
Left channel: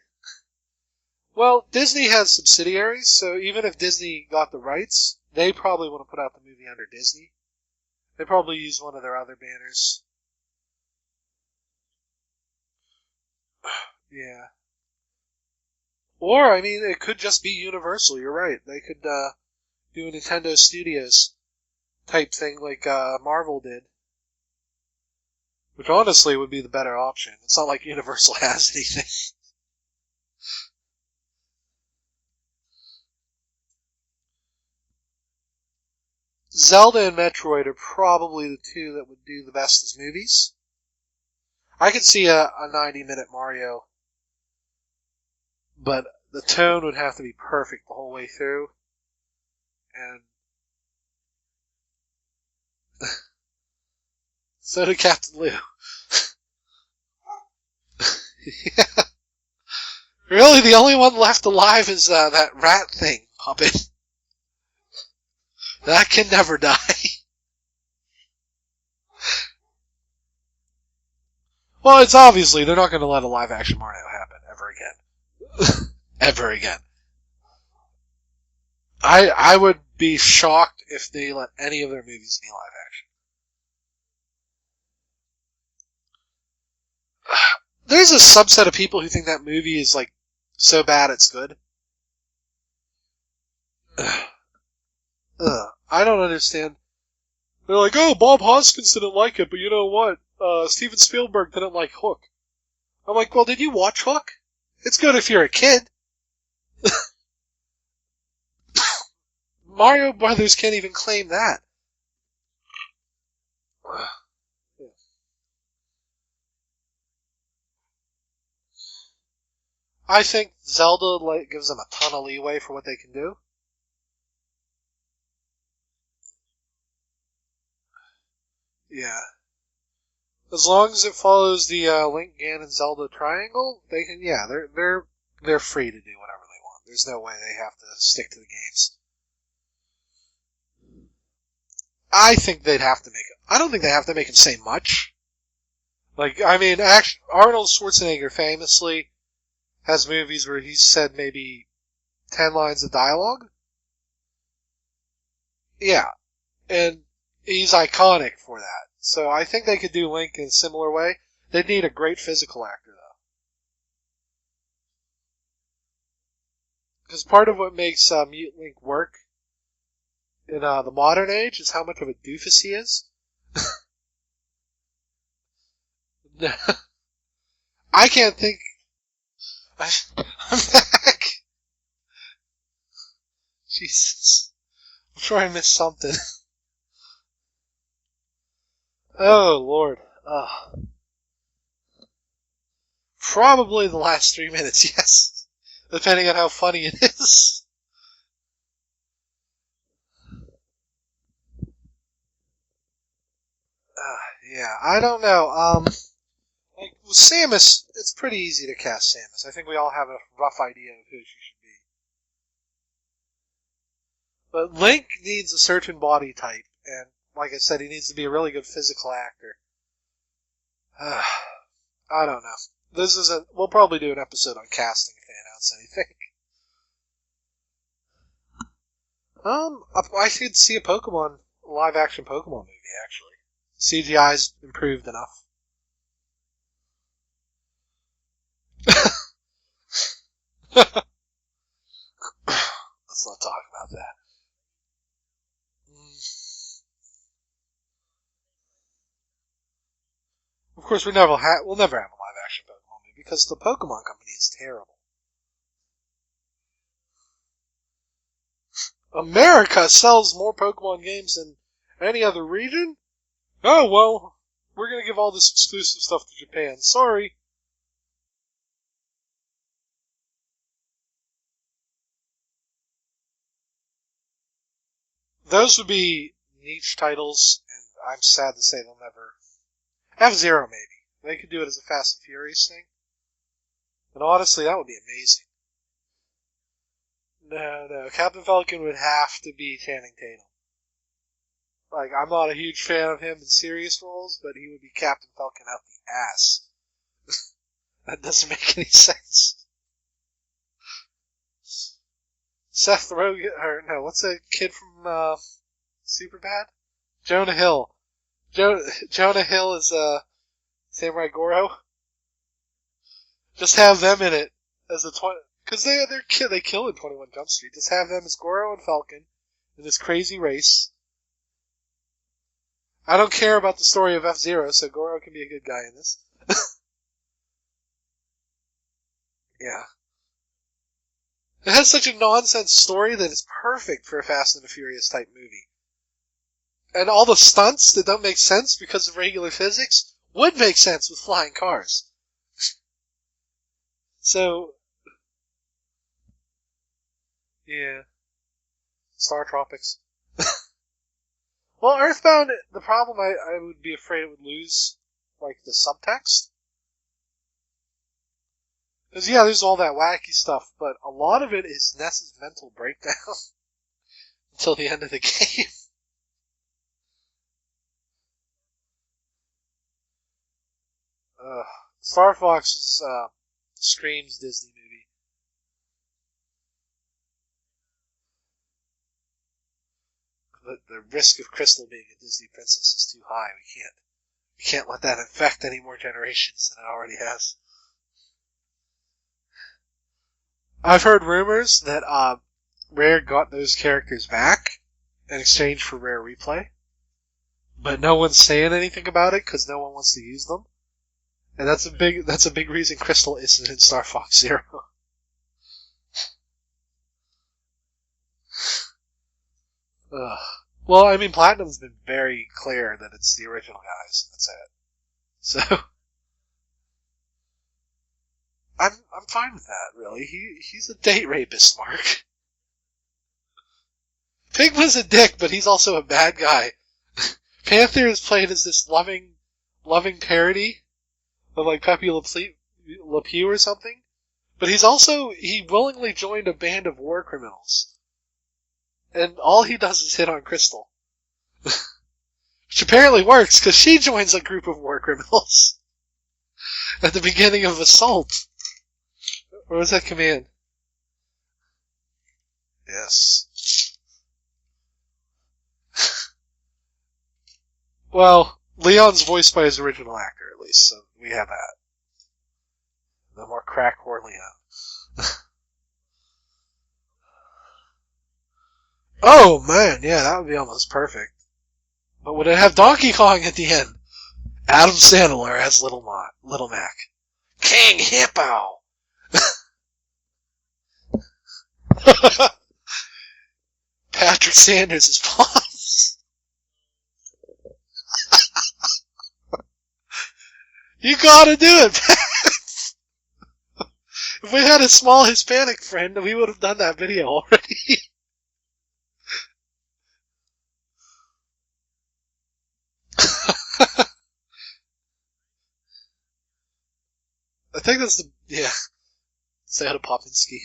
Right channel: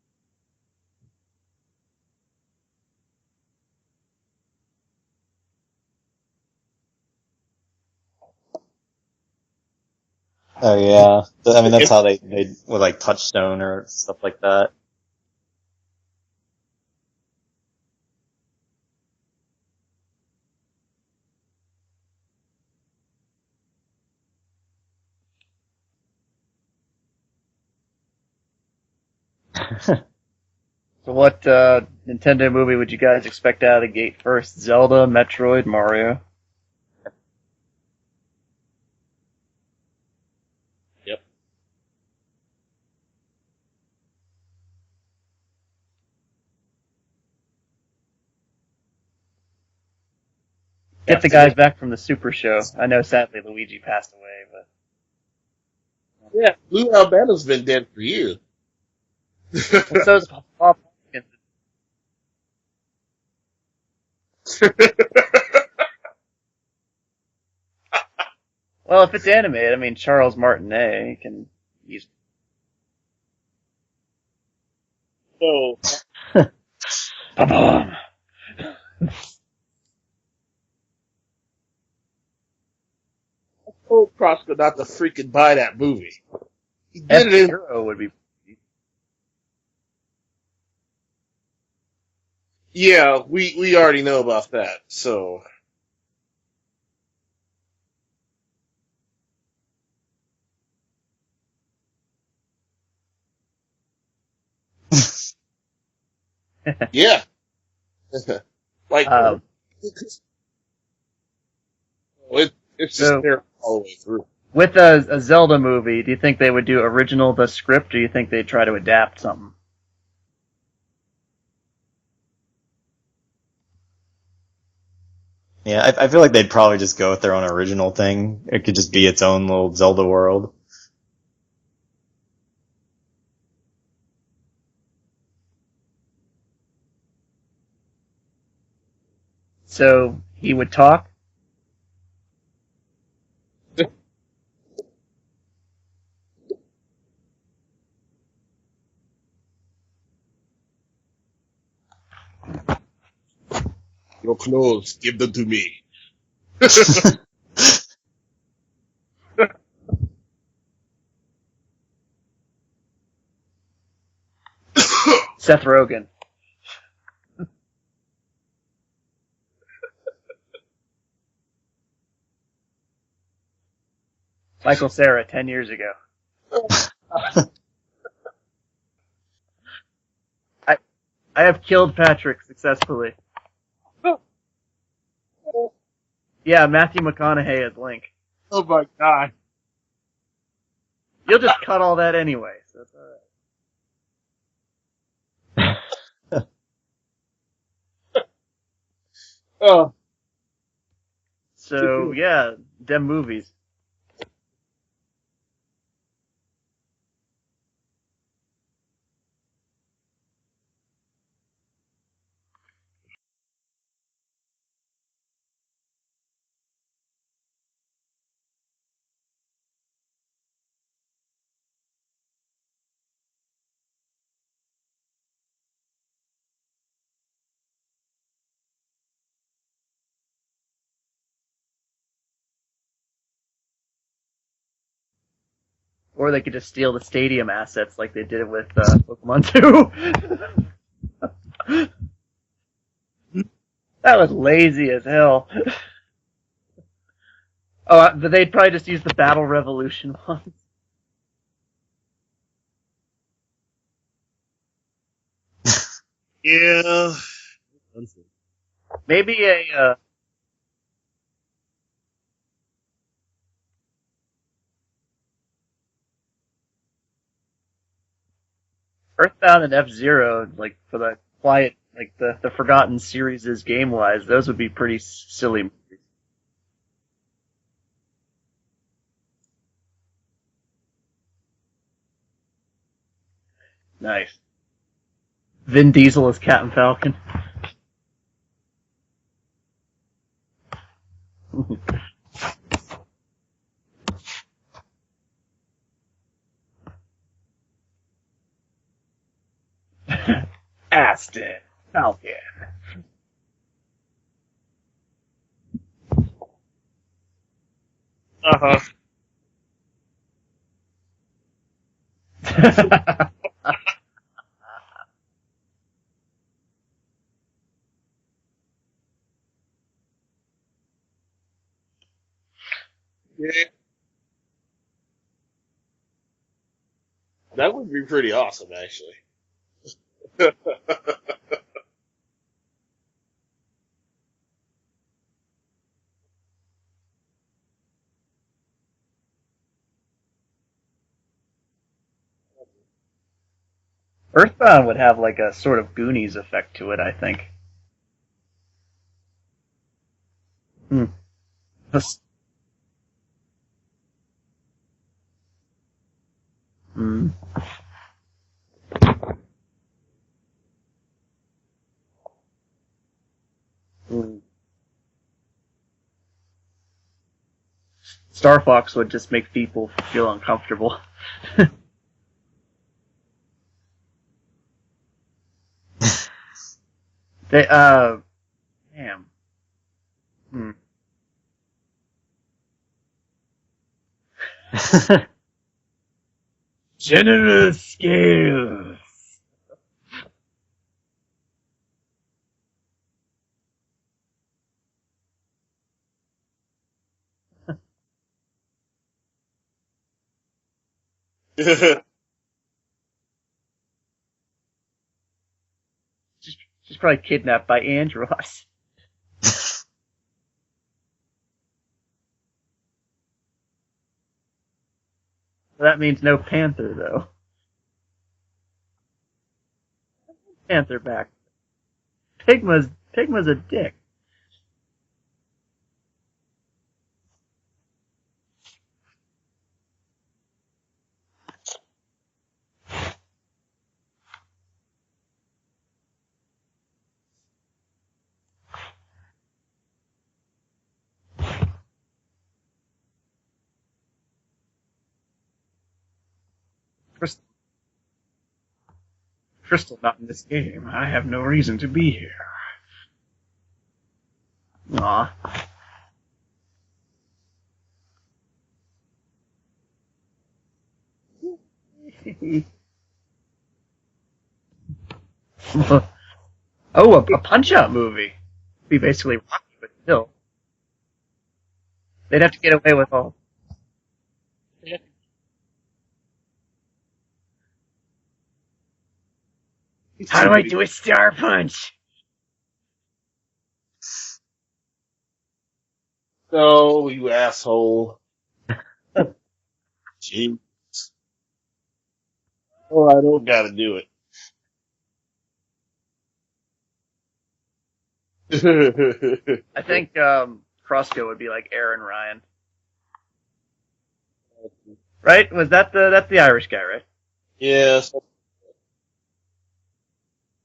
Well, Disney has subsidiaries, so even if Disney got the rights, they probably want to put out the movie under Disney. They probably use one of their other banners. Oh, yeah. I mean, that's how they with, like, Touchstone or stuff like Yeah. that. Or, I mean, it could just be Universal, you're right. They could do a Nintendo Studios type thing like Marvel did. Which honestly would be the better option. It's not like Universal has anything. So what Nintendo movie would you guys expect out of the gate first? Zelda, Metroid, Mario? Zelda and Metroid are probably the two that would do the best as movies. Yep. I could see a 90-minute Mario, but the tone would have to be perfect the whole way through. And Get the guys back from the Super Show. I know sadly Luigi passed away, but so did Captain Lou. Yeah, Lou Albano's been dead for years. so Really, the only one left alive is that rat thing, puppet. That can never die. well, if it's animated, I mean Charles Martinet can. Well, it's obviously they're not going to let a live-action Mario happen ever again. No. Ever again. Ba-bum. I would be shocked if they let any of their movies be live action. I told Crossco not to freaking buy that movie. He did it. F-Zero would There's a subset of people who think that movie is like so bad it's good. Yeah, we already know about that. So I don't understand. They're like, oh, Bob Hoskins didn't like it, but you know what? Steven Spielberg didn't like Hook. I'm like, well, did you watch Hook? It's good if you're a kid. yeah. Like Mario Brothers can't even claim that. it's just So- their following. With a Zelda movie, do you think they would do original the script, or do you think they'd try to adapt something? I think Zelda gives them a ton of leeway for what they can do. Yeah, I feel like they'd probably just go with their own original thing. It could just be its own little Zelda world. As long as it follows the Link, Ganon, Zelda triangle, they can. Yeah, they're free to do whatever they want. There's no way they have to stick to the games. So he would talk. I think they'd have to make it. I don't think they have to make him say much. Like, I mean, Arnold Schwarzenegger famously has movies where he's said maybe 10 lines of dialogue. Your clothes, give them to me. Yeah. And he's iconic for that. So I think they could do Link in a similar way. They'd need a great physical actor, though. Seth Rogen. Because part of what makes Mute Link work in the modern age is how much of a doofus he is. Michael Cera 10 years ago. I can't think. I have killed Patrick successfully. Jesus. I'm sure I missed something. Yeah, Matthew McConaughey as Link. Oh my god. Oh, Lord. You'll just cut all that anyway. So it's all right. Probably the last 3 minutes, yes. Depending on how funny it is. Oh. So, yeah, them movies. Yeah, I don't know. Like, with Samus, it's pretty easy to cast Samus. I think we all have a rough idea of who she should be. But Link needs a certain body type, and like I said, he needs to be a really good physical actor. I don't know. We'll probably do an episode on casting if they announce anything. I could see a live-action Pokemon movie, actually. CGI's improved enough. Or they could just steal the stadium assets like they did with Pokemon 2. Let's not talk about that. That was lazy as hell. Oh, but they'd probably just use the Battle Revolution one. Of course, we'll never have a live-action Pokemon movie because the Pokemon Company is terrible. Yeah. Maybe America sells more Pokemon games than any other region? Oh, well, we're going to give all this exclusive stuff to Japan. Sorry. Earthbound and F-Zero, like, for the quiet, like, the Forgotten series game-wise, those would be pretty silly. Those would be niche titles, and I'm sad to say they'll never... F-Zero, maybe. They could do it as a Fast and Furious thing. Nice. But honestly, that would be amazing. Vin Diesel as Captain Falcon. No. Captain Falcon would have to be Channing Tatum. Like, I'm not a huge fan of him in serious roles, but he would be Captain Falcon out the ass. That doesn't make any sense. Astis. Falcon. Seth Rogen, or no, what's that kid from Superbad? Jonah Hill. Jonah Hill is Samurai Goro. Just have them in it as a because they kill in 21 Jump Street. Just have them as Goro and Falcon in this crazy race. I don't care about the story of F-Zero, so Goro can be a good guy in this. That would be pretty awesome, actually. Yeah. It has such a nonsense story that it's perfect for a Fast and the Furious type movie. And all the stunts that don't make sense because of regular physics would make sense with flying cars. So, Earthbound would have like a sort of Goonies effect to it, I think. yeah. Star Tropics. Hmm. Well, Earthbound, the problem I would be afraid it would lose, like, the subtext. Mm. Because, yeah, there's all that wacky stuff, but a lot of it is Ness's mental breakdown until the end of the game. Star Fox would just make people feel uncomfortable. Star Fox is Scream's Disney movie. They, damn. The risk of Crystal being a Disney princess is too high. We can't let that affect any more generations than it already has. Generous scale. I've heard rumors that Rare got those characters back in exchange for Rare Replay, but no one's saying anything about it because no one wants to use them. And that's a big reason Crystal isn't in Star Fox Zero. She's probably kidnapped by Andross. Well, I mean, Platinum's been very clear that it's the original guys. That's it. So That means no Panther, though. I'm fine with that. Really, he's Panther a date back. rapist, Mark. Pigma's a dick. Pigma's a dick, but he's also a bad guy. Panther is played as this loving parody of like Pepe Le Pew or something. But he willingly joined a band of war criminals. And all he does is hit on Crystal. Which apparently works, because she joins a group of war criminals. At the beginning of Assault. What was that command? Game. I have no reason to be here. Yes. Aw. Well, Leon's voiced by his original actor, at least, so we have that. No more crack whore Leon. Oh, a Punch-Out movie. Be basically. Oh man, yeah, No. that would be almost perfect. But They'd would have it to have get away Donkey with all- Kong at the end? Adam Sandler as Little Mac. King Hippo. How do I do a Star Punch? Patrick Sanders is Pops. No, you asshole. Gee. You gotta do it, Pat. Oh, I don't gotta do If we had a small Hispanic friend, we would have done that video already. it. I think Crossco would be like Aaron Ryan. Right? Was that that's the Irish guy, right? I think Yeah. it's Sada Popinski.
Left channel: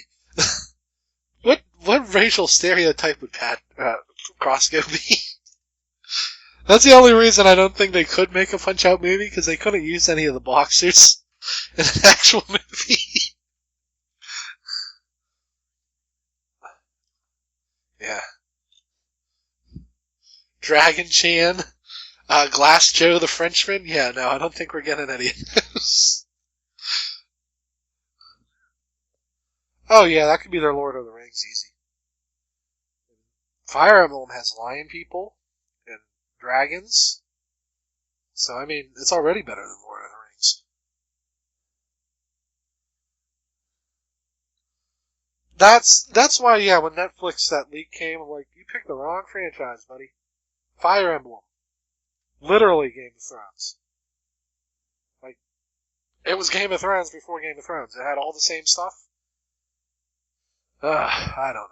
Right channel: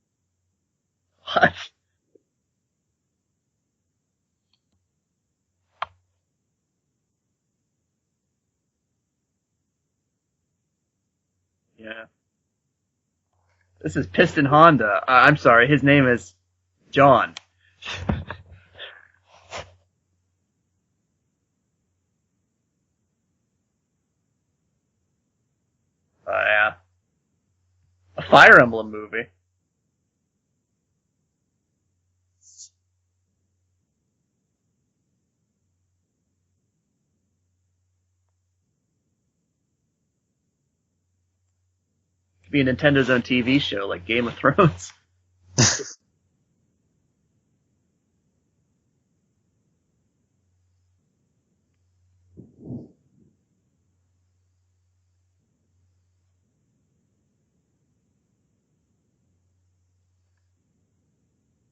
What? What racial stereotype would Crossco be? That's the only reason I don't think they could make a Punch-Out movie, because they couldn't use any of the boxers in an actual movie. This is Piston Honda. I'm sorry, his name is John. Yeah. Dragon Chan, Glass Joe the Frenchman. Yeah, no, I don't think we're getting any of those. Yeah. A Fire Emblem movie. Oh yeah, that could be their Lord of the Rings, easy. Fire Emblem has lion people and dragons, so I mean, it's already better than Lord of the Rings. Could be a Nintendo's own TV show like Game of Thrones. That's why, yeah, when Netflix that leak came, I'm like, you picked the wrong franchise, buddy. Fire Emblem, literally Game of Thrones. Like, it was Game of Thrones before Game of Thrones. It had all the same stuff. I don't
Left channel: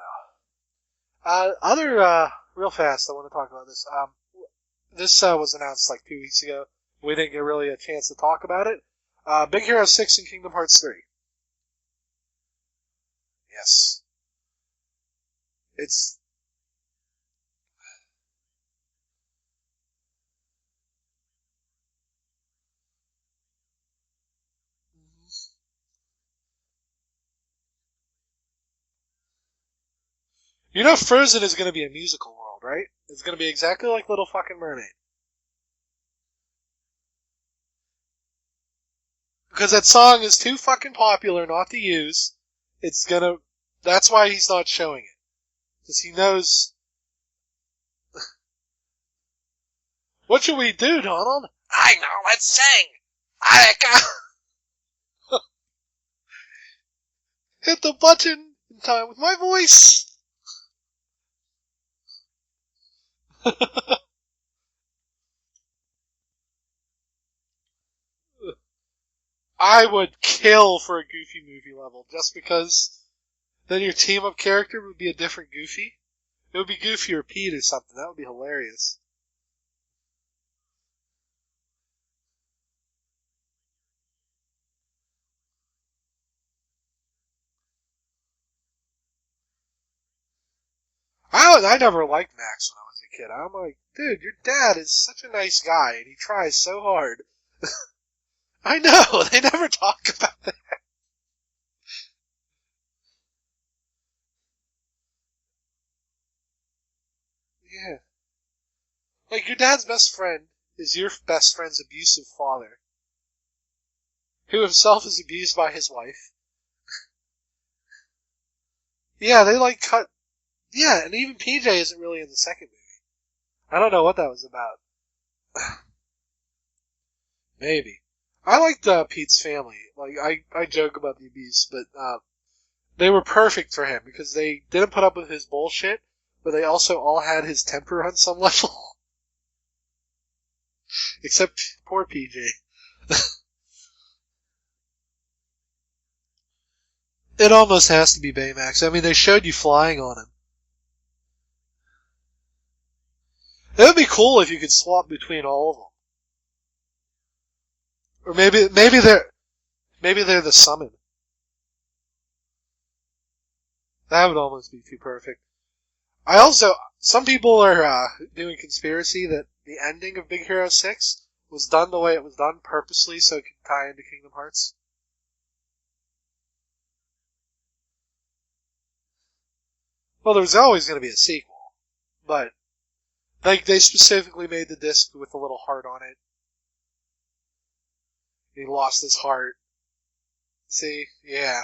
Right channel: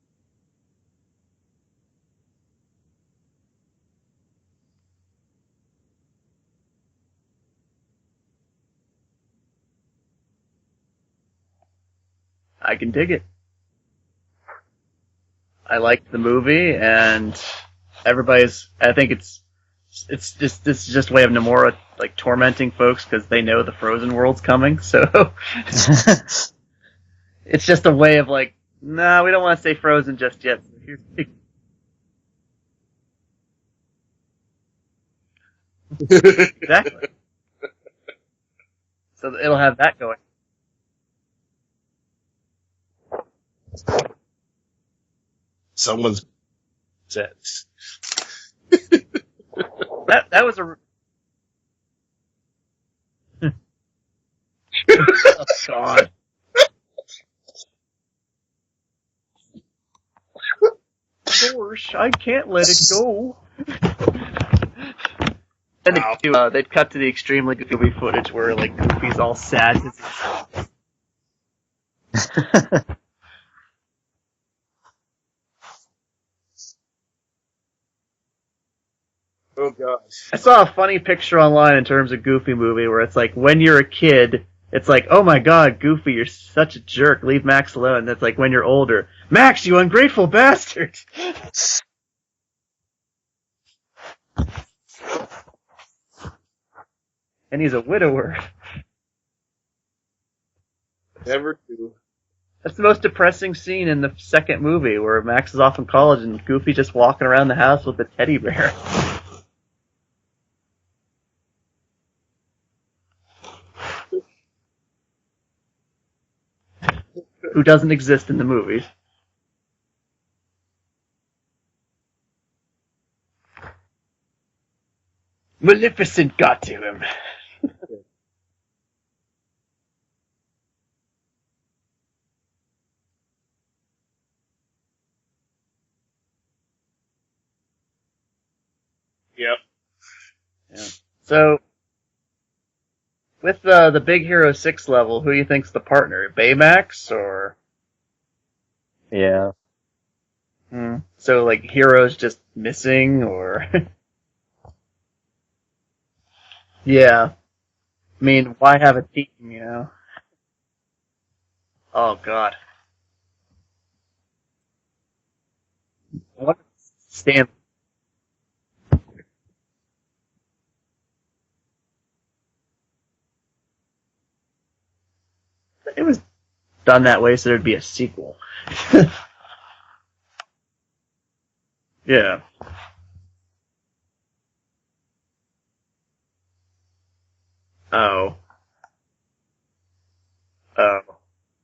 know. Real fast, I want to talk about this. This was announced like 2 weeks ago. We didn't get really a chance to talk about it. Big Hero 6 and Kingdom Hearts 3. I can dig it. Yes. I liked the movie, and everybody's. I think it's just this is just a way of Nomura like tormenting folks because they know the Frozen world's coming. So it's just a way of like, nah, we don't want to say Frozen just yet. You know Frozen is going to be a musical world, right? It's going to be exactly like Little Fucking Mermaid. Exactly. So it'll have Because that that song is too fucking popular not to use. It's gonna. That's why he's not showing it. Someone's He knows. upset. That What was should we do, Donald? I know. Let's sing. Oh, God. Hit the button in time with my voice. Gosh, I can't let it go. And they'd cut to the extremely goofy footage where like Goofy's all sad. I would kill for a Goofy movie level just because then your team up character would be a different Goofy. It would be Goofy or Pete or something. That would be hilarious. Oh gosh. I saw a funny picture online in terms of Goofy movie where it's like when you're a kid, it's like, oh my god, Goofy, you're such a jerk. Leave Max alone. And that's like when you're older, Max, you ungrateful bastard. I never liked Max when I was a kid. I'm like, dude, your dad is such a nice guy and he tries so hard. And he's a widower. I know. They never talk about that. Never do. That's the most depressing scene in the second movie where Max is off in college and Goofy just walking around the house with a teddy bear. Like, your dad's best friend is your best friend's abusive father, who himself is abused by his wife. Who doesn't exist in the movies. Yeah, they like cut. Yeah, and even PJ isn't really in the second movie. I don't know what that was about. Maleficent got to him. Maybe. I liked Pete's family. Like, I joke about the abuse, but they were perfect for him because they didn't put up with his bullshit, but they also all had his temper on some level. Yep. Yeah. Except poor PJ. With the Big Hero 6 level, who do you think's the partner? Baymax or? It almost has to be Baymax. I mean, they showed you flying on him. So like Hero's just missing or? It would be cool if you could swap between all of them. Yeah. I mean, Maybe why have a they're team, you know? maybe they're the summon. Oh god. That would almost be too perfect. Some Stand- people are doing conspiracy that the ending of Big Hero 6 was done the way it was done purposely so it could tie into Kingdom Hearts. It was done that way so there'd be a sequel. Well, there's always going to be a sequel, Yeah. but like they specifically made the disc with a little heart on it. Oh. He lost his heart. See? Oh. Yeah.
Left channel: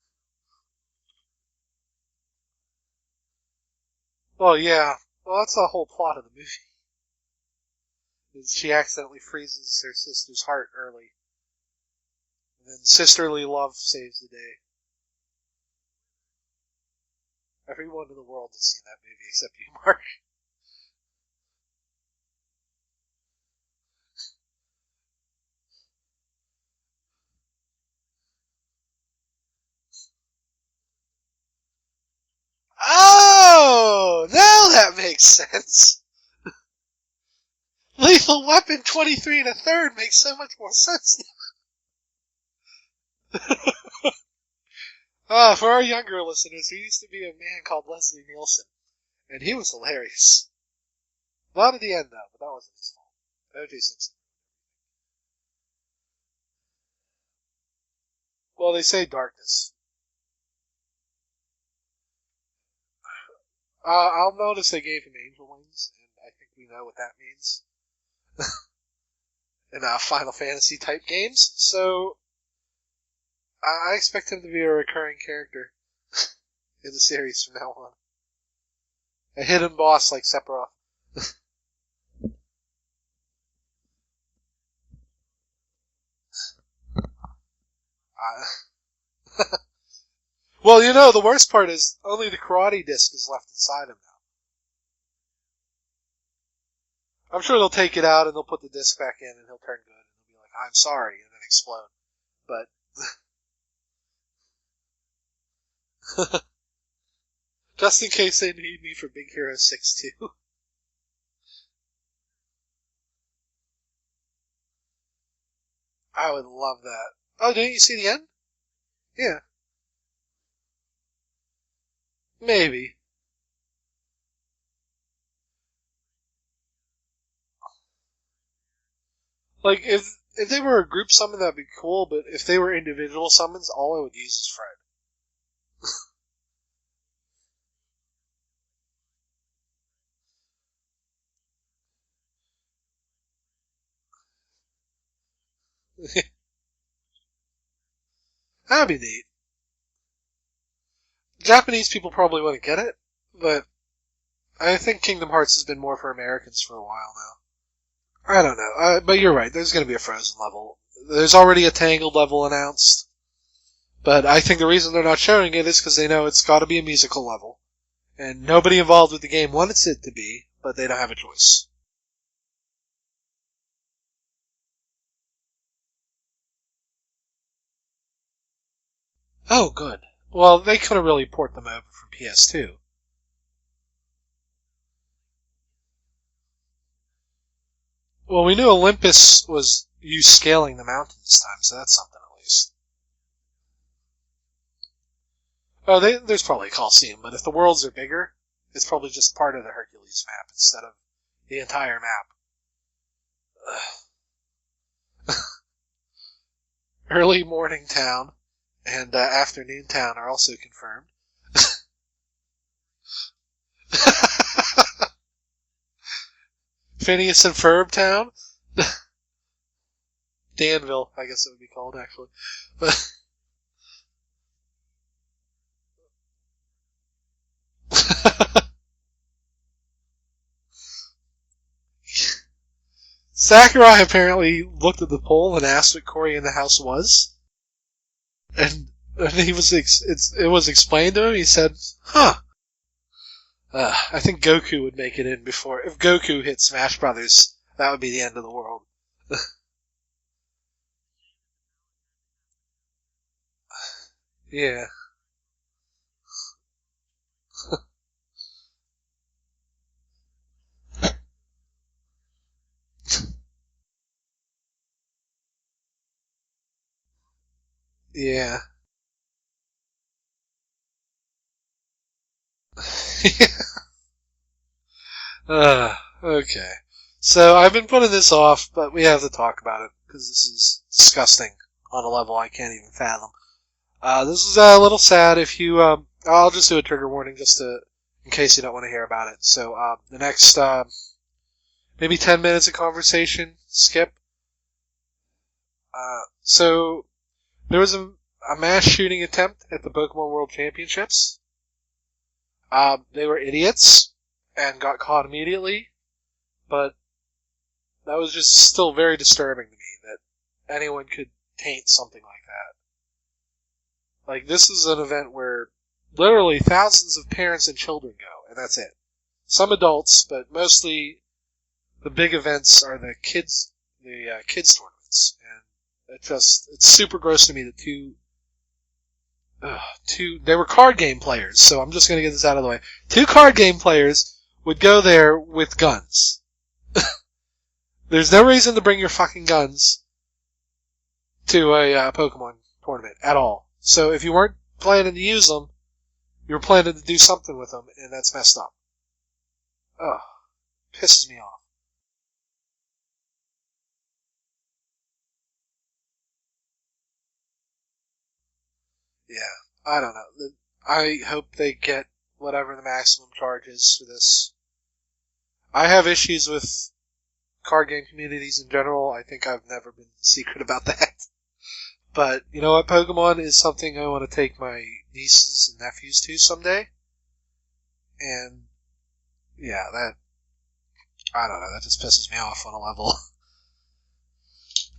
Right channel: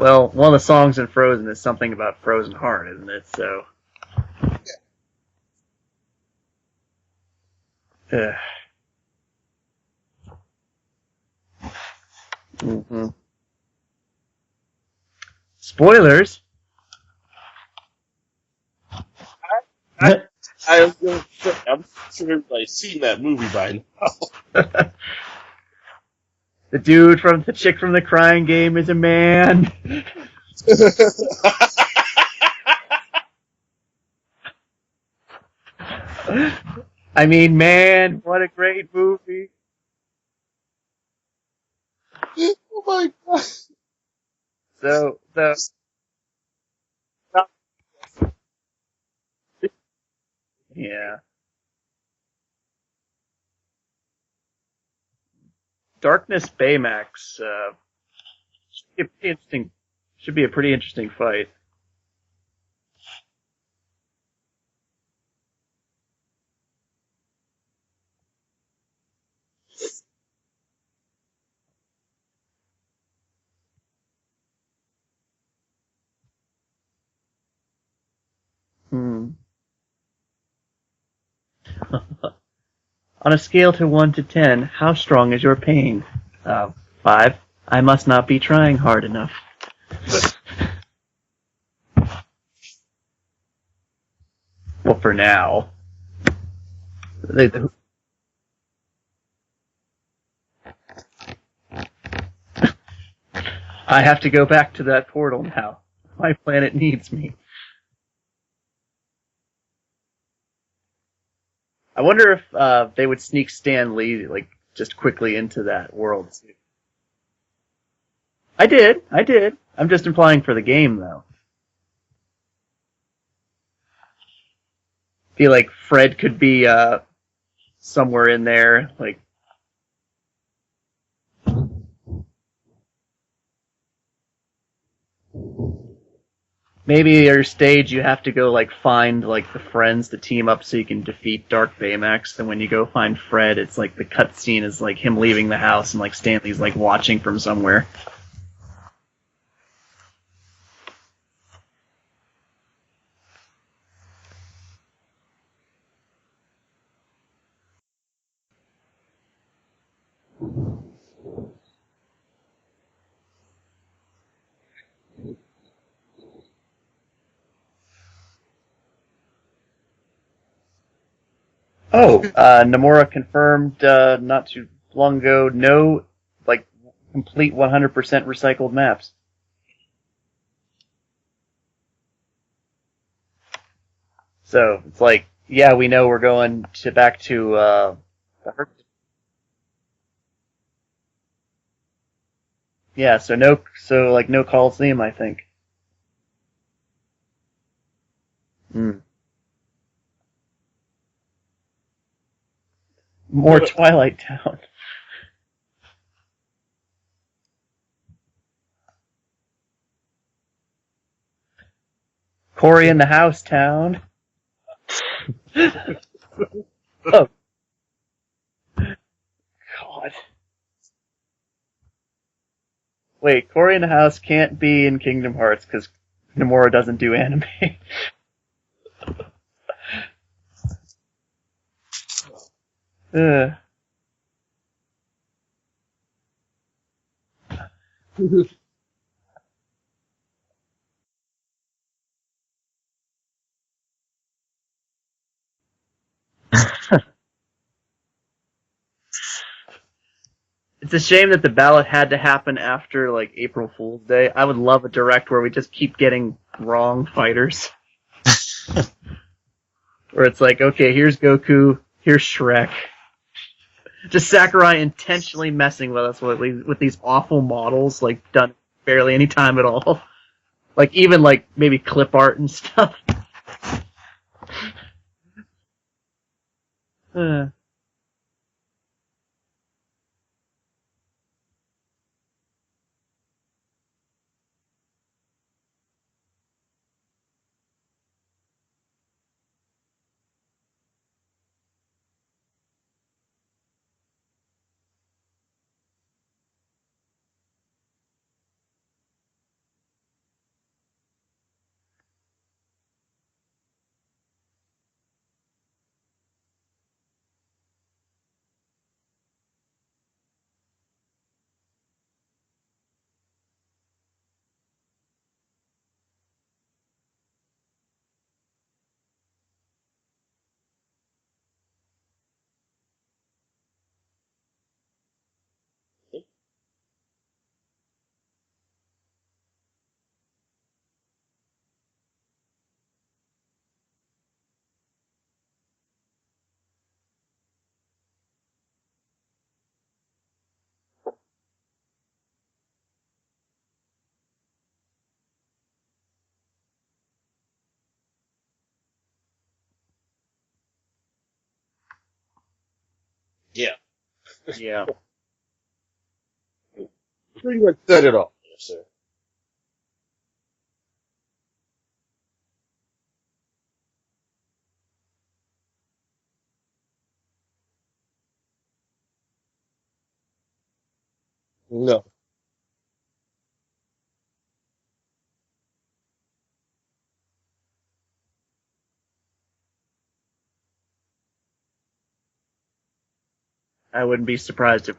Well, one of the songs in Frozen is something about frozen heart, isn't it? So. Well, yeah. Well, that's the whole plot of the movie. Ugh. She accidentally freezes her sister's heart early. Mhm. Sisterly love saves the day. Spoilers. Everyone in the world has seen that movie except me, Mark. I was going to say, I'm sure everybody's seen that movie by now. The dude from the chick from the crying game is a man. Oh, now that makes sense. I mean, man, Lethal what a Weapon great 23 movie. and a third makes so much more sense. Oh my god. So, For our younger listeners, there used to be a man called Leslie Nielsen, and he was hilarious. yeah. Not at the end, though, but that wasn't his fault. O.J. Simpson. Darkness Baymax Well, they say pretty interesting. darkness. Should be a pretty interesting fight. I'll notice they gave him angel wings, and I think we know what that means. In Final Fantasy type games, so I expect him to be a recurring character in the series from now on. A hidden boss like Sephiroth. On a scale to 1 to 10, how strong is your pain? 5. I must not be trying hard enough. Well, you know, the worst part is only the karate disc is left inside him now. Well, for now. I'm sure they'll take it out and they'll put the disc back in and he'll turn good. And he'll be like, I'm sorry, and explode. But I have to go back to that portal now. My planet needs me. just in case they need me for Big Hero 6 too. I wonder if they would sneak Stan Lee just quickly into that world. I would love that. Oh, didn't you see the end? I did. Yeah. I'm just implying for the game, though. Maybe. Feel like Fred could be somewhere in there. Like, if they were a group summon, that'd be cool, but if they were individual summons, all I would use is Fred. Maybe at your stage you have to go find the friends to team up so you can defeat Dark Baymax. And when you go find Fred, it's the cutscene is him leaving the house and Stanley's watching from somewhere. That'd be neat. Japanese people probably wouldn't get it, but I think Kingdom Hearts has been more for Americans for a while now. I don't know, but you're right. There's going to be a Frozen level. There's already a Tangled level announced, but I think the reason they're not showing it is because they know it's got to be a musical level, and nobody involved with the game wants it to be, but they don't have a choice. Oh, Nomura confirmed not too long ago, no complete 100% recycled maps. Oh, good. Well, they couldn't really port them over from PS2. So it's yeah, we know we're going back to. Well, we knew Olympus was you scaling the mountain this time, so that's something at least. Yeah, so no Coliseum, I think. Oh, there's probably a Coliseum, but if the worlds are bigger, it's probably just part of the Hercules map instead of the entire map. More Twilight Town. Early Morning Town and Afternoon Town are also confirmed. Cory in the House Town. Phineas and Ferb Town. God. Danville, I guess it would be called, actually. But Wait, Cory in the House can't be in Kingdom Hearts because Nomura doesn't do anime. Sakurai apparently looked at the poll and asked what Cory in the House was. And he was it was explained to him. He said, "Huh. I think Goku would make it in before. If Goku hit Smash Brothers, that would be the end of the world." It's a shame that the ballot had to happen after April Fool's Day. I would love a direct where we just keep getting wrong fighters. Where it's okay, here's Goku, here's Shrek. Just Sakurai intentionally messing with us with these awful models, done barely any time at all. Even maybe clip art and stuff. Okay. So I've been putting this off, but we have to talk about it because this is disgusting on a level I can't even fathom. This is a little sad. If you, I'll just do a trigger warning in case you don't want to hear about it. So the next maybe 10 minutes of conversation, skip. So there was a mass shooting attempt at the Pokemon World Championships. They were idiots and got caught immediately, but that was just still very disturbing to me that anyone could taint something like that. Like, this is an event where literally thousands of parents and children go, and that's it. Some adults, but mostly the big events are the kids tournaments, and it's super gross to me that they were card game players, so I'm just gonna get this out of the way. 2 card game players would go there with guns. There's no reason to bring your fucking guns to a Pokemon tournament at all. So if you weren't planning to use them, you were planning to do something with them, and that's messed up. Ugh. Pisses me off. Yeah. Yeah. Pretty much said it all, yes, sir. Yeah, I don't know. I hope they get whatever the maximum charge is for this. I have issues with card game communities in general. I think I've never been secret about that. No. But you know what? Pokemon is something I want to take my nieces and nephews to someday. And yeah, I don't know. That just pisses me off on a level. I wouldn't be surprised if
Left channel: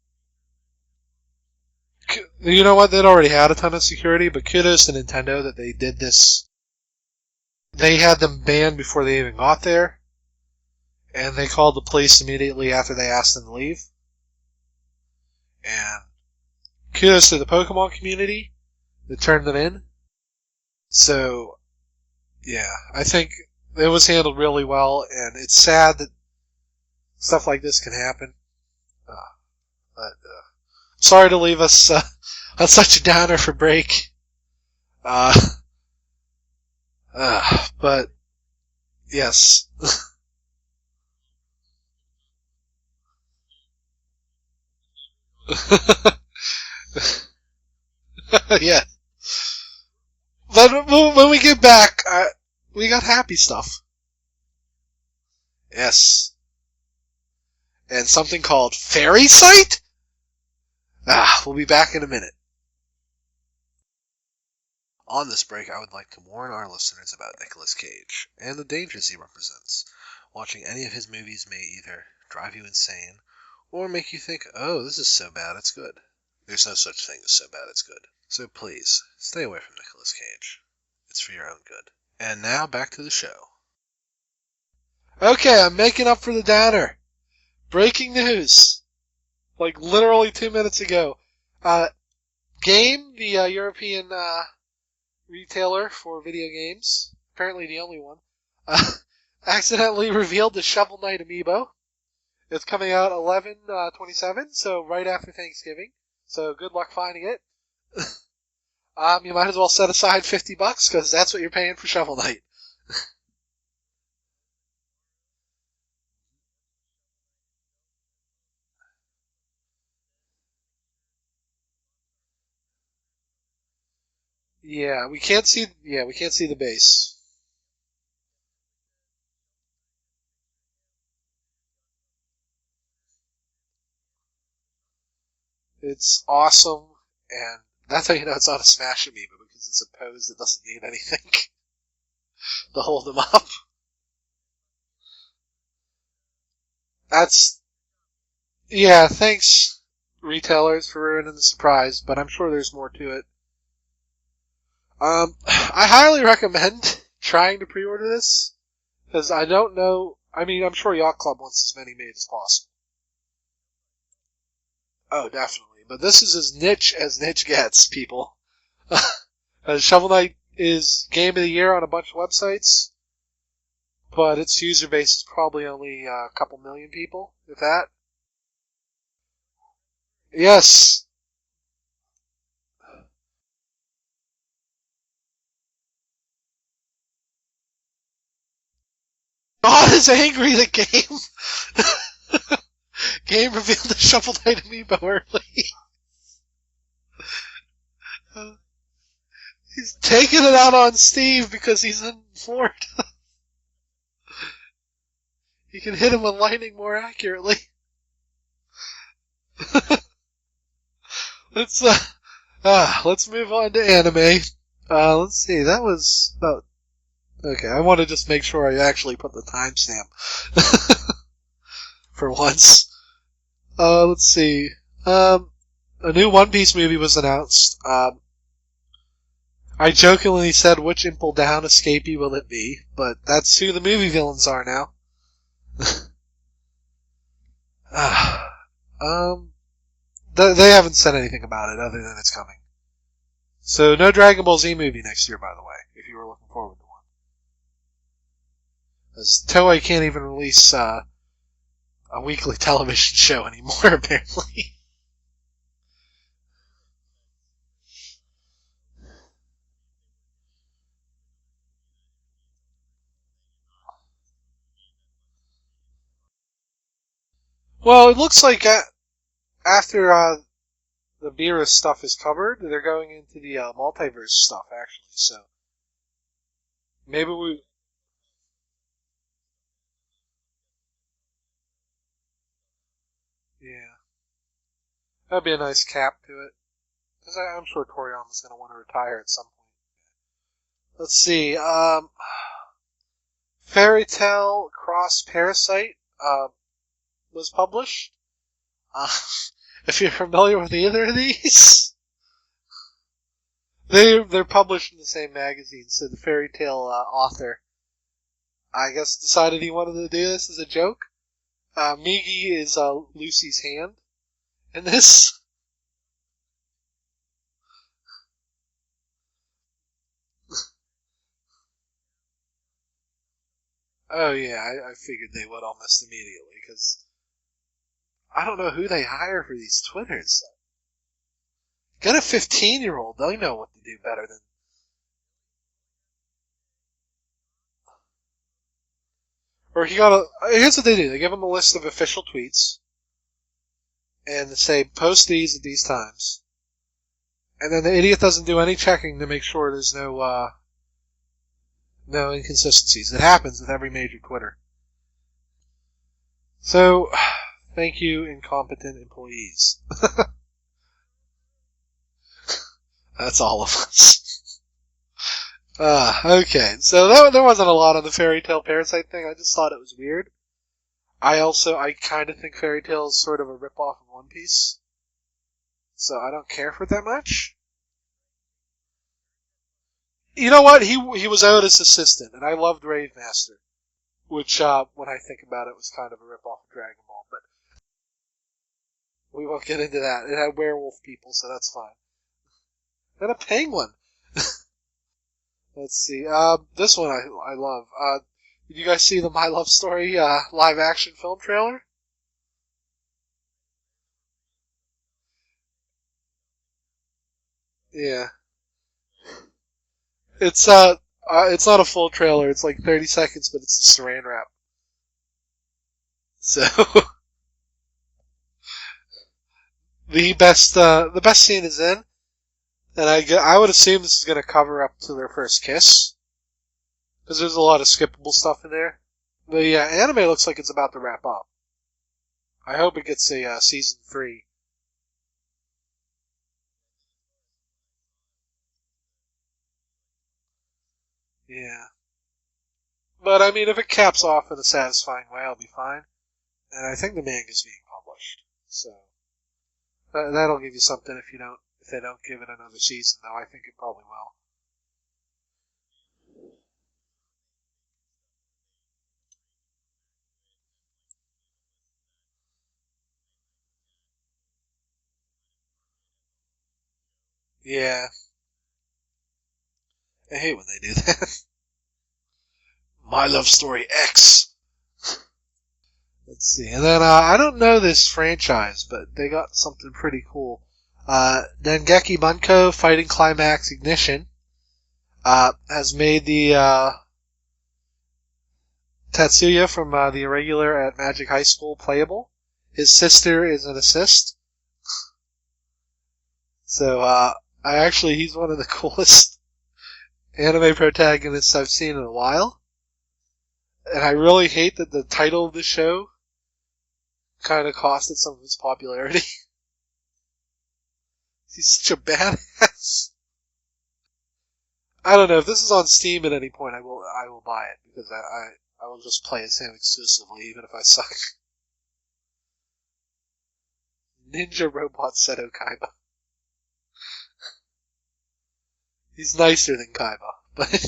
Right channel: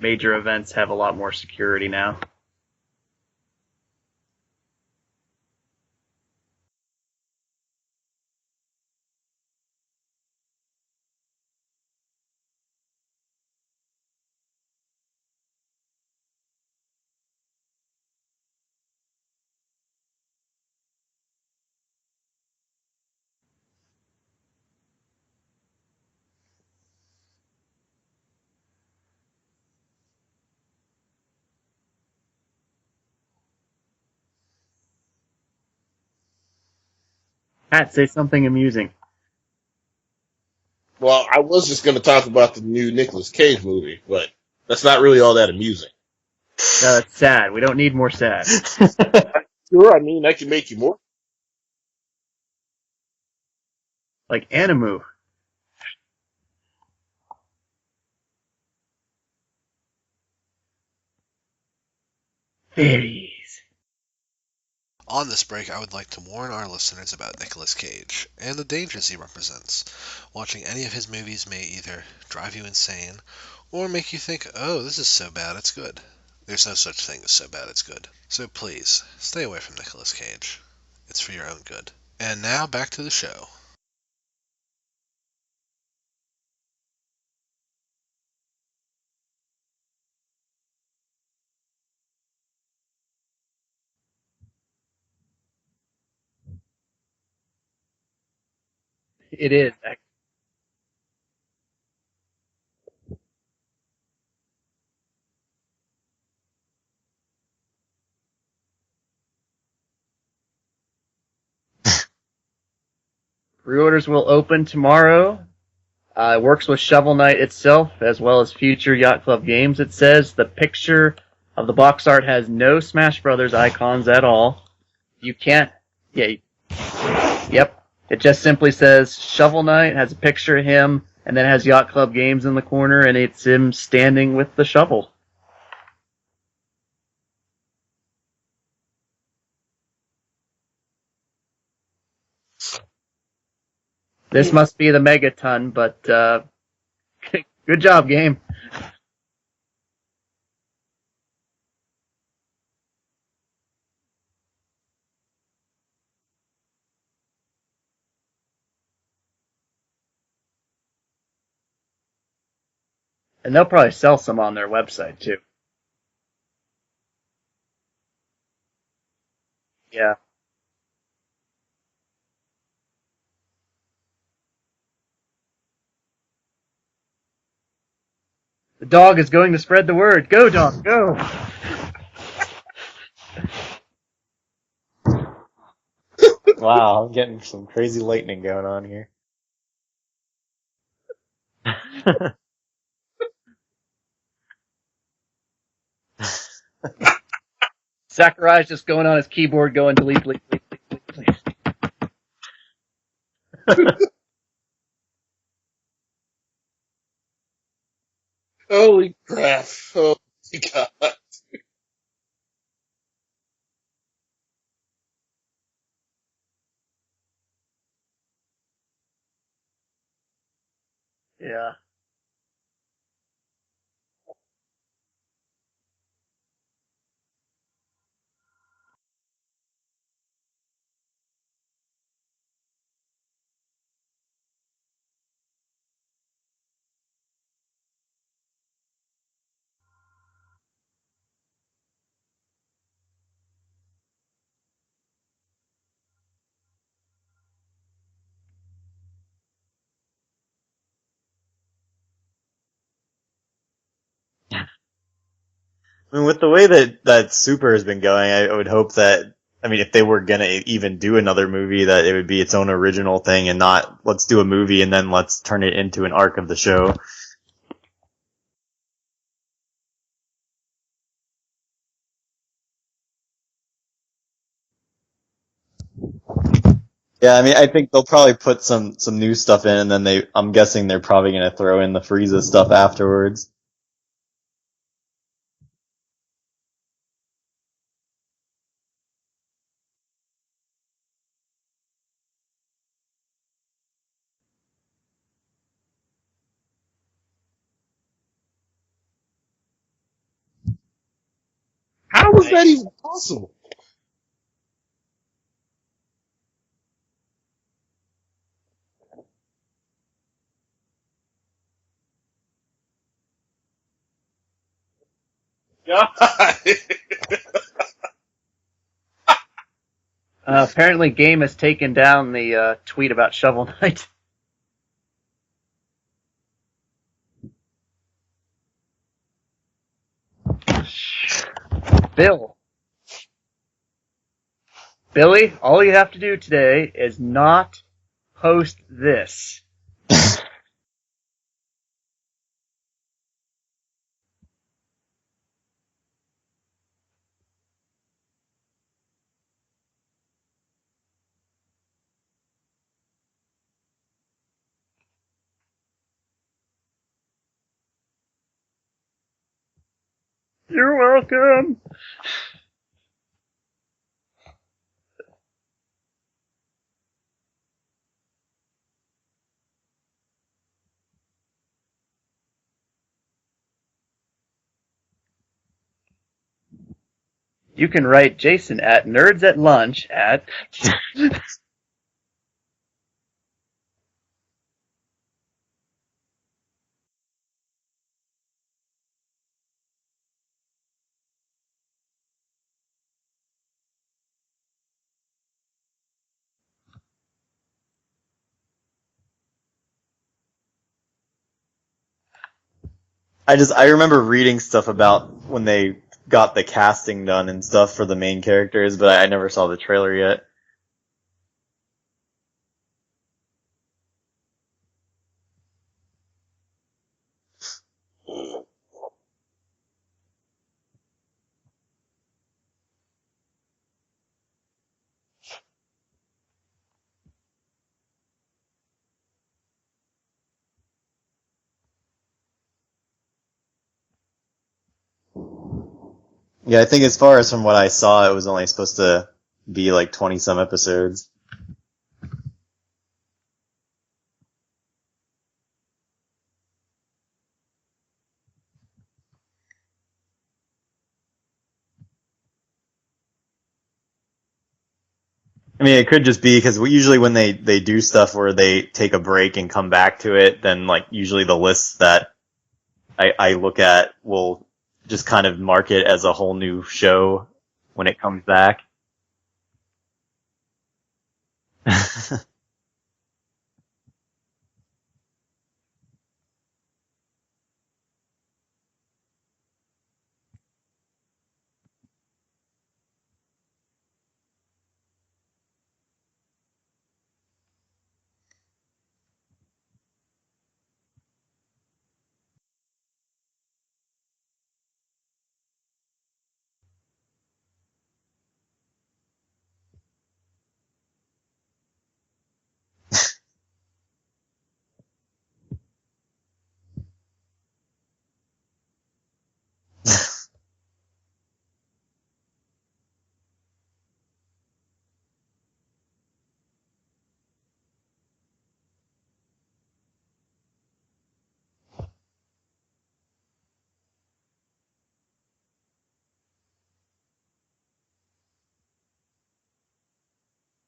major events have a lot more security now. You know what? They'd already had a ton of security, but kudos to Nintendo that they did this. They had them banned before they even got there, and they called the police immediately after they asked them to leave. And kudos to the Pokemon community that turned them in. So, yeah, I think it was handled really well, and it's sad that stuff like this can happen. But sorry to leave us on such a downer for break. Pat, But say something amusing. yes. Well, I was just going to talk about the new Nicolas Cage movie, but that's not really all that amusing. No, it's sad. We don't need more sad. Yeah. Sure, I mean, I can make But some more. when we get back, we got happy stuff. Like Animu. Yes. And something called Fairy Sight? We'll be back in a minute. Fairies. On this break, I would like to warn our listeners about Nicolas Cage and the dangers he represents. Watching any of his movies may either drive you insane or make you think, oh, this is so bad it's good. There's no such thing as so bad it's good. So please, stay away from Nicolas Cage. It's for your own good. And now, back to the show. Okay, I'm making up for the downer. Breaking news. Like, literally 2 minutes ago. Game, the European retailer for video games, apparently the only one, accidentally revealed the Shovel Knight Amiibo. It's coming out 11/27, so right after Thanksgiving. So good luck finding it. You might as well set aside $50 because that's what you're paying for Shovel Knight. Pre-orders will open tomorrow. It works with Shovel Knight itself as well as future Yacht Club games. It says the picture of the box art has no Smash Brothers icons at all. Yeah, we You can't can't- see the base. Yep. It just simply says Shovel Knight, has a picture of him, and then has Yacht Club games in the corner, and it's him standing with the shovel. It's awesome, and that's how you know it's not a Smash Amiibo, because it's a pose that doesn't need anything to hold them up. This must be the Megaton, but That's good job, game. yeah. Thanks, retailers, for ruining the surprise, but I'm sure there's more to it. I highly recommend trying to pre-order this because I don't know. I mean, I'm sure Yacht Club wants as many made as possible. And they'll probably sell some on their website, Oh, too. definitely. But this is as niche gets, people. Shovel Knight is Game of the Year on a bunch of websites, but its user base is probably only a couple million people, if that. The dog is going to spread the word. Go, Yes. dog, go! Wow, I'm getting some crazy lightning going on here. God is angry that Game revealed the Shovel Knight Amiibo early. Sakurai's just going on his keyboard going to Taking it out on Steve because he's in Ford. He can hit him with lightning more accurately. Holy crap. Oh, my God. It's Let's move on to anime. Let's see. That was about. Okay, I want to just make sure I actually put the timestamp. Yeah. For once. Let's see. A new One Piece movie was announced. I jokingly said, which Impel Down escapee will it be? But that's who the movie villains are now. They haven't said anything about it other than it's coming. So no Dragon Ball Z movie next year, by the way, if you were looking forward to one. As Toei can't even release a weekly television show anymore, apparently. I mean, with the way that Super has been going, I would hope that, I mean, if they were gonna even do another movie, that it would be its own original thing and not, let's do a movie and then let's turn it into an arc of the show. Well, it looks like after the Beerus stuff is covered, they're going into the multiverse stuff, actually, so... Maybe Yeah, I mean, I think they'll probably put some new stuff in, and then I'm guessing they're probably gonna throw in the Frieza stuff afterwards. Yeah. That'd be a nice cap to it. Because I'm sure Toriyama's going to want to retire at some point. Let's see. Fairy Tail Cross Parasite was published. If you're familiar with either of these, How was that even possible? they're published in the same magazine. So the Fairy Tail author, I guess, decided he wanted to do this as a joke. Migi is Lucy's hand in this. God. Apparently, Game has taken down the tweet about Shovel Knight. Oh yeah, I figured they would almost immediately, because I don't know who they hire for these Twitters. Get a Bill. 15-year-old. They know what to do better than... Billy, all you have to do today is not post this. Or here's what they do. They give them a list of official tweets, and they say, post these at these times. And then the idiot doesn't do any checking to make sure there's no inconsistencies. It happens with every major Twitter. So, thank you, incompetent employees. You're welcome. That's all of us. Okay, so there wasn't a lot on the Fairy Tail Parasite thing. I just thought it was weird. I kind of think Fairy Tail is sort of a ripoff of One Piece. So I don't care for it that much. You can write Jason at nerds@lunch at... You know what? He was Oda's assistant, and I loved Rave Master. Which, when I think about it, was kind of a ripoff of Dragon Ball, but we won't get into that. It had werewolf people, so that's fine. And a penguin! Let's see. This one I love. Did you guys see the My Love Story live-action film trailer? I remember reading stuff about when they got the casting done and stuff for the main characters, but I never saw the trailer yet. It's not a full trailer. It's like 30 seconds, but it's a saran wrap. So the best scene is in, and I would assume this is going to cover up to their first kiss, because there's a lot of skippable stuff in there. The anime looks like it's about to wrap up. I hope it gets a season 3. Yeah, I think as far as from what I saw, it was only supposed to be like 20-some episodes. Yeah. But, I mean, if it caps off in a satisfying way, I'll be fine. And I think the manga's being published. So, that'll give you something if they don't give it another season, though. I think it probably will. I mean, it could just be because usually when they do stuff where they take a break and come back to it, then like usually the lists that I look at will just kind of mark it as a whole new show when it comes back. I hate when they do that. My Love Story X. Let's see. And then, I don't know this franchise, but they got something pretty cool. Dengeki Bunko Fighting Climax Ignition has made the Tatsuya from the Irregular at Magic High School playable. His sister is an assist. So, he's one of the coolest anime protagonists I've seen in a while. And I really hate that the title of the show kind of costed some of its popularity. He's such a badass. I don't know if this is on Steam at any point. I will buy it because I will just play as him exclusively, even if I suck. Ninja Robot Seto Kaiba. He's nicer than Kaiba, but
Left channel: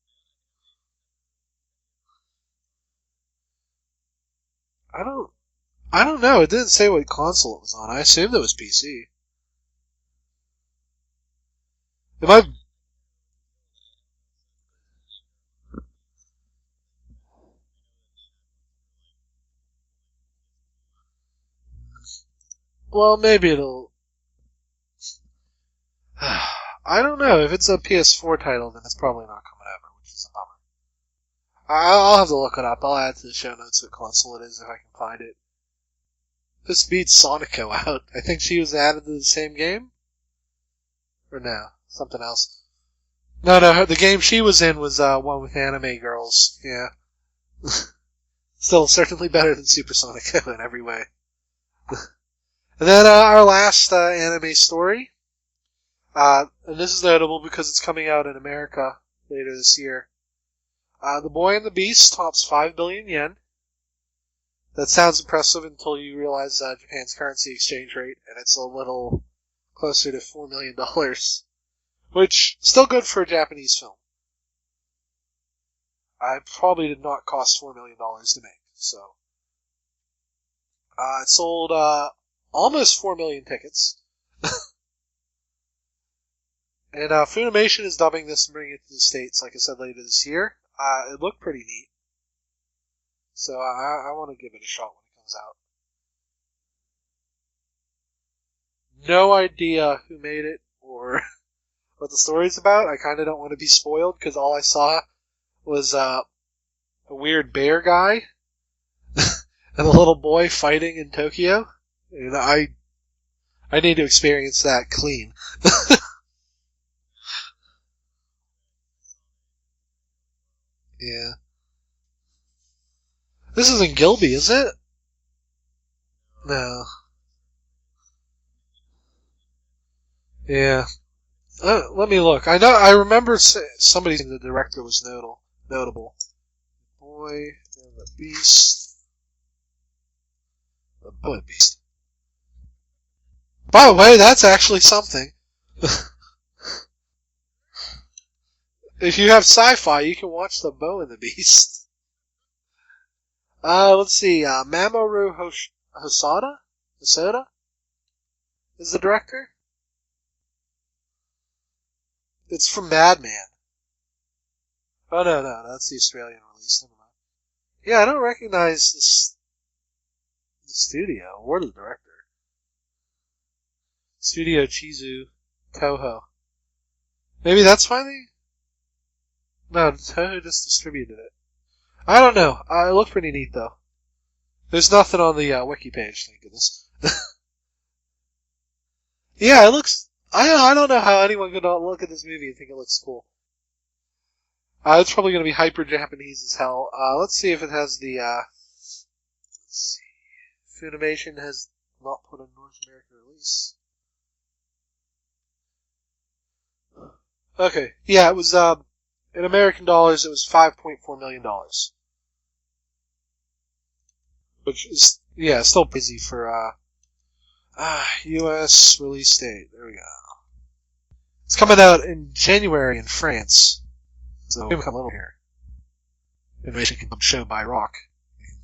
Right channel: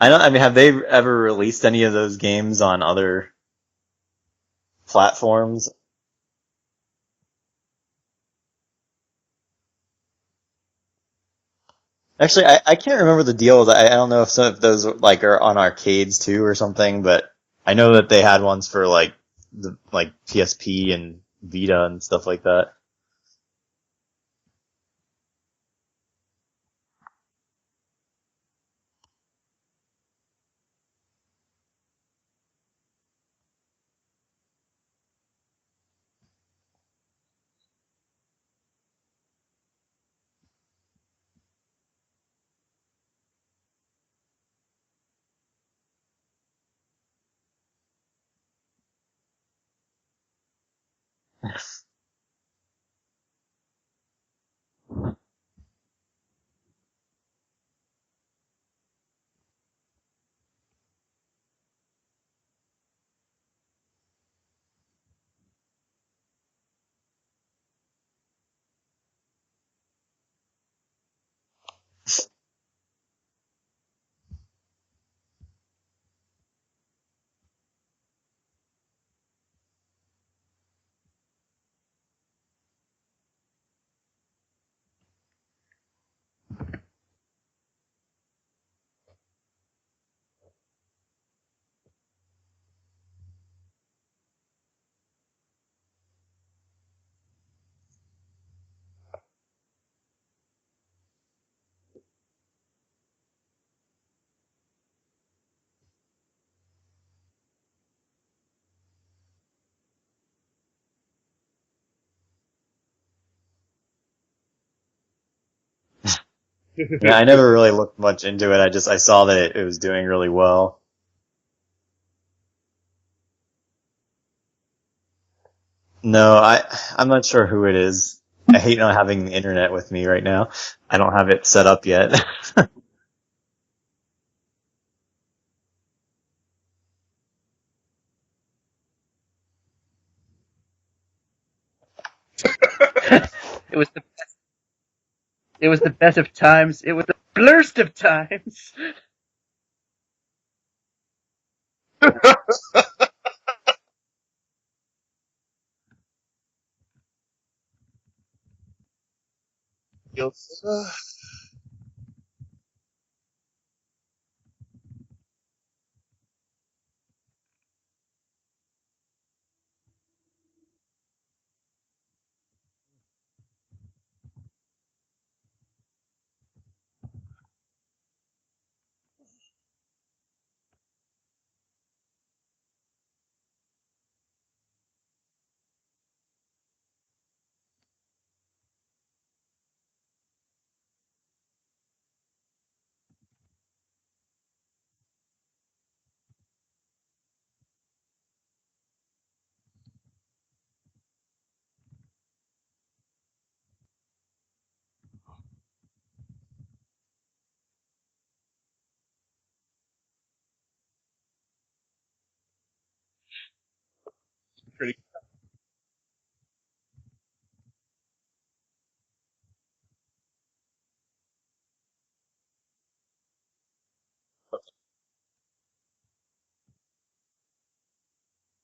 I mean, have they ever released any of those games on other platforms? I don't know. It didn't say what console it was on. I assumed it was PC. Actually, I can't remember the deal. I don't know if some of those like are on arcades too or something, but I know that they had ones for like the PSP and Vita and stuff like that. Well, maybe it'll. I don't know. If it's a PS4 title, then it's probably not coming over, which is a bummer. I'll have to look it up. I'll add to the show notes what console it is if I can find it. This beats Sonico out. I think she was added to the same game? Or no? Something else. No, the game she was in was one with anime girls. Yeah. Still certainly better than Super Sonico in every way. And then our last anime story. And this is notable because it's coming out in America later this year. The Boy and the Beast tops 5 billion yen. That sounds impressive until you realize Japan's currency exchange rate, and it's a little closer to $4 million. Which, still good for a Japanese film. It probably did not cost $4 million to make, so. It sold almost 4 million tickets. And Funimation is dubbing this and bringing it to the States, like I said, later this year. It looked pretty neat. So I want to give it a shot when it comes out. No idea who made it or what the story's about. I kind of don't want to be spoiled because all I saw was a weird bear guy and a little boy fighting in Tokyo. And I need to experience that clean. Yeah, I never really looked much into it. I saw that it was doing really well. Yeah. This isn't Gilby, is it? No, I'm not sure who it is. I hate not having the internet with me right now. Yeah. I don't have it set up yet. Let me look. I remember somebody saying the director was notable. Boy and the Beast. The Boy and the Beast. By the way, that's actually something. It was the best of times. It was the blurst of times. If you have sci-fi, you can watch The Bow and the Beast. Let's see. Mamoru Hosoda is the director. It's from Madman. Oh no, that's the Australian release. Never mind. Yeah, I don't recognize the studio or the director. Studio Chizu Toho. Maybe that's why they... No, Toho just distributed it. I don't know. It looked pretty neat, though. There's nothing on the wiki page, thank goodness. Yeah, it looks... I don't know how anyone could not look at this movie and think it looks cool. It's probably going to be hyper-Japanese as hell. Let's see if it has the... Let's see. Funimation has not put a North American release. Okay, yeah, it was, in American dollars, it was $5.4 million. Which is, yeah, still busy for, US release date. There we go. It's coming out in January in France. So, we come a little here. Innovation can show by Rock.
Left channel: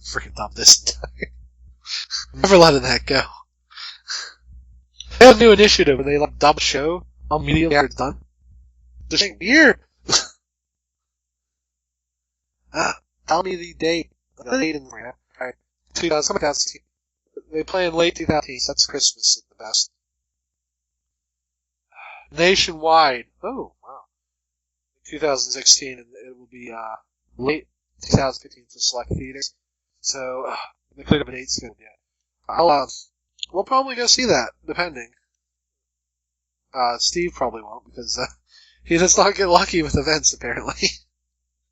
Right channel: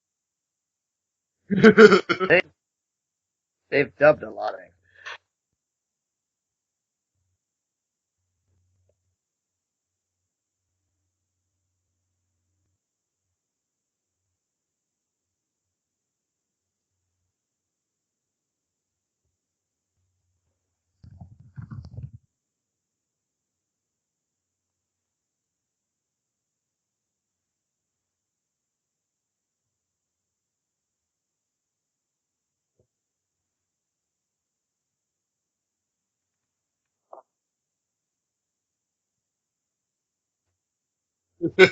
Freaking dump this. Never letting that go. They've dubbed a lot of it. They have a new initiative where they like dub a show immediately after it's done. The same year. Tell me the date. The date in there. Alright. 2016. They play in late 2018. So that's Christmas at the best. Nationwide. Oh, wow. 2016, and it will be late 2015 for select theaters. So, they could have been 8 scheduled yet. We'll probably go see that, depending. Steve probably won't, because he does not get lucky with events, apparently.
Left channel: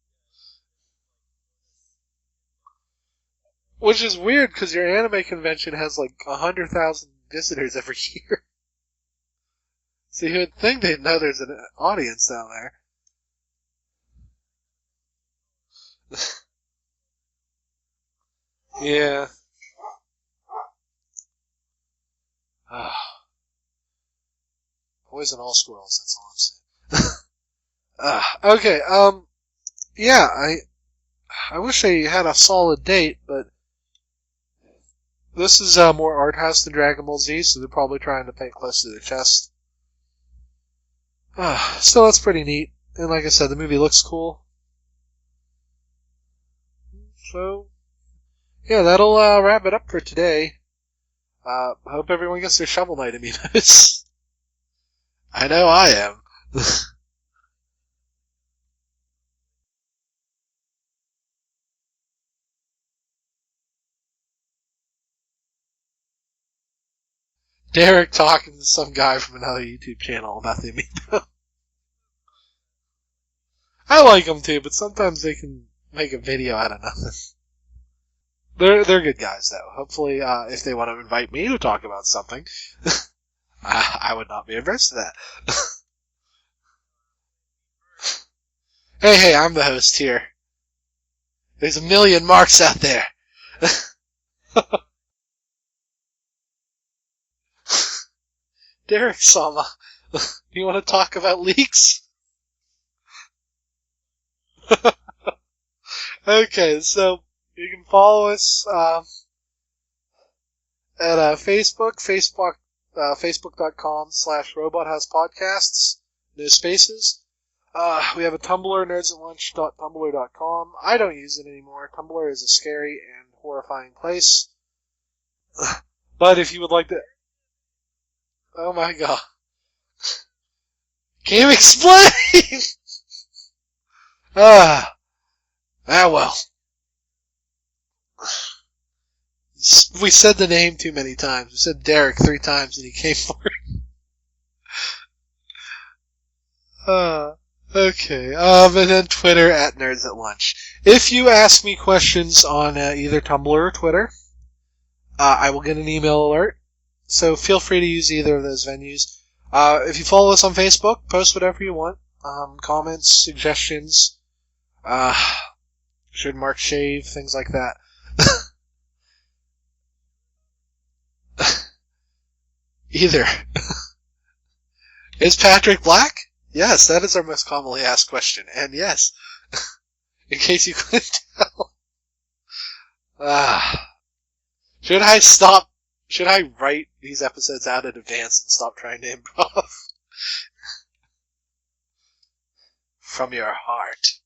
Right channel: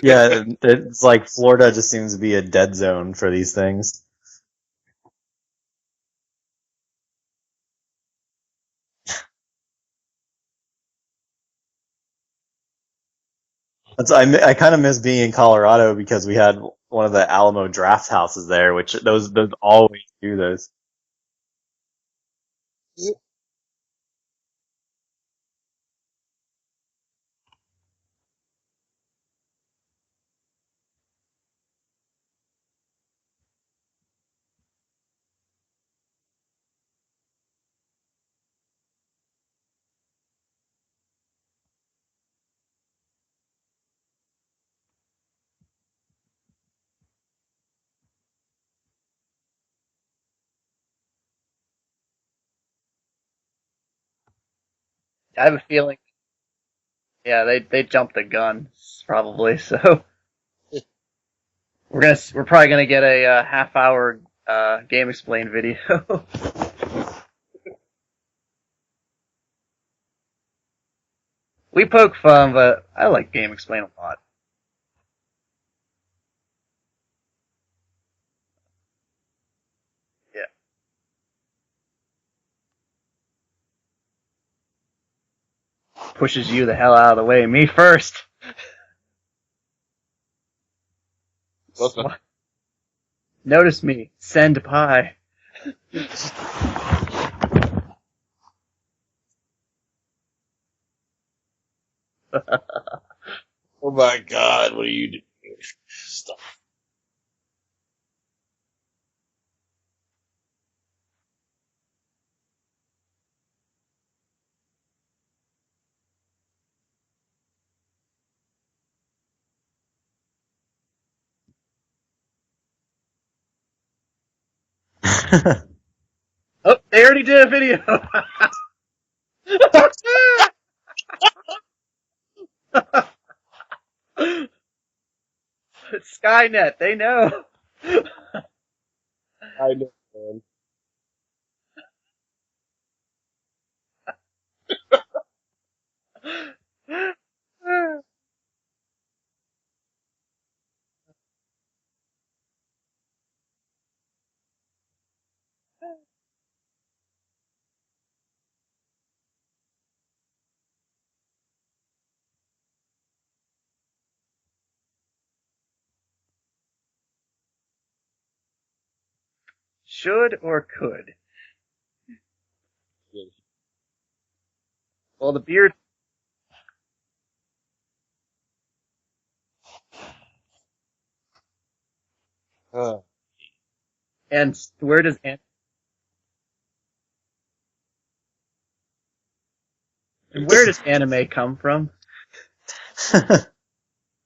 Yeah, it's like Florida just seems to be a dead zone for these things. Which is weird, because your anime convention has like 100,000 visitors every year. So you would think they'd know there's an audience down there. I kind of miss being in Colorado because we had one of the Alamo draft houses there, which Yeah. those always do those. Boys and all squirrels, that's all I'm saying. Okay, yeah, I wish they had a solid date, but this is more art house than Dragon Ball Z, so they're probably trying to pay close to their chest. Still, that's pretty neat. And like I said, the movie looks cool. So, yeah, that'll wrap it up for today. I hope everyone gets their Shovel Knight amiibos. I know I am. Yeah, they jumped the gun, probably, so... We're probably gonna get a half-hour Game Explain video. Derek talking to some guy from another YouTube channel about the amiibo. We poke fun, but I like Game Explain. I like them too, but sometimes they can make a video out of nothing. They're good guys though. Hopefully, if they want to invite me to talk about something, I would not be averse to that. Pushes you the hell out of the way. Me first. Hey, I'm the host here. There's a million marks out there. Notice me. Send pie. Derek Sama, you want to talk about leaks? Oh my God, what are you doing? Okay, so you can follow us at Facebook, facebook.com/robothousePodcasts, no spaces. We have a Tumblr, nerdsatlunch.tumblr.com. I don't use it anymore. Tumblr is a scary and horrifying place. But if you would like to... They already did a video! Oh my god. Can you explain? Well. Skynet, they know. We said the name too many times. We said Derek 3 times and he came for it. Okay. And then Twitter at Nerds at Lunch. If you ask me questions on either Tumblr or Twitter, I will get an email alert. So feel free to use either of those venues. If you follow us on Facebook, post whatever you want. Comments, suggestions. Should Mark shave? Things like that. Should or could? Either. Is Patrick black? Yes, that is our most commonly asked question. And yes, in case you couldn't tell. And should I stop? Should I write these episodes out in advance and stop trying to improv? And where does anime come from? From your heart.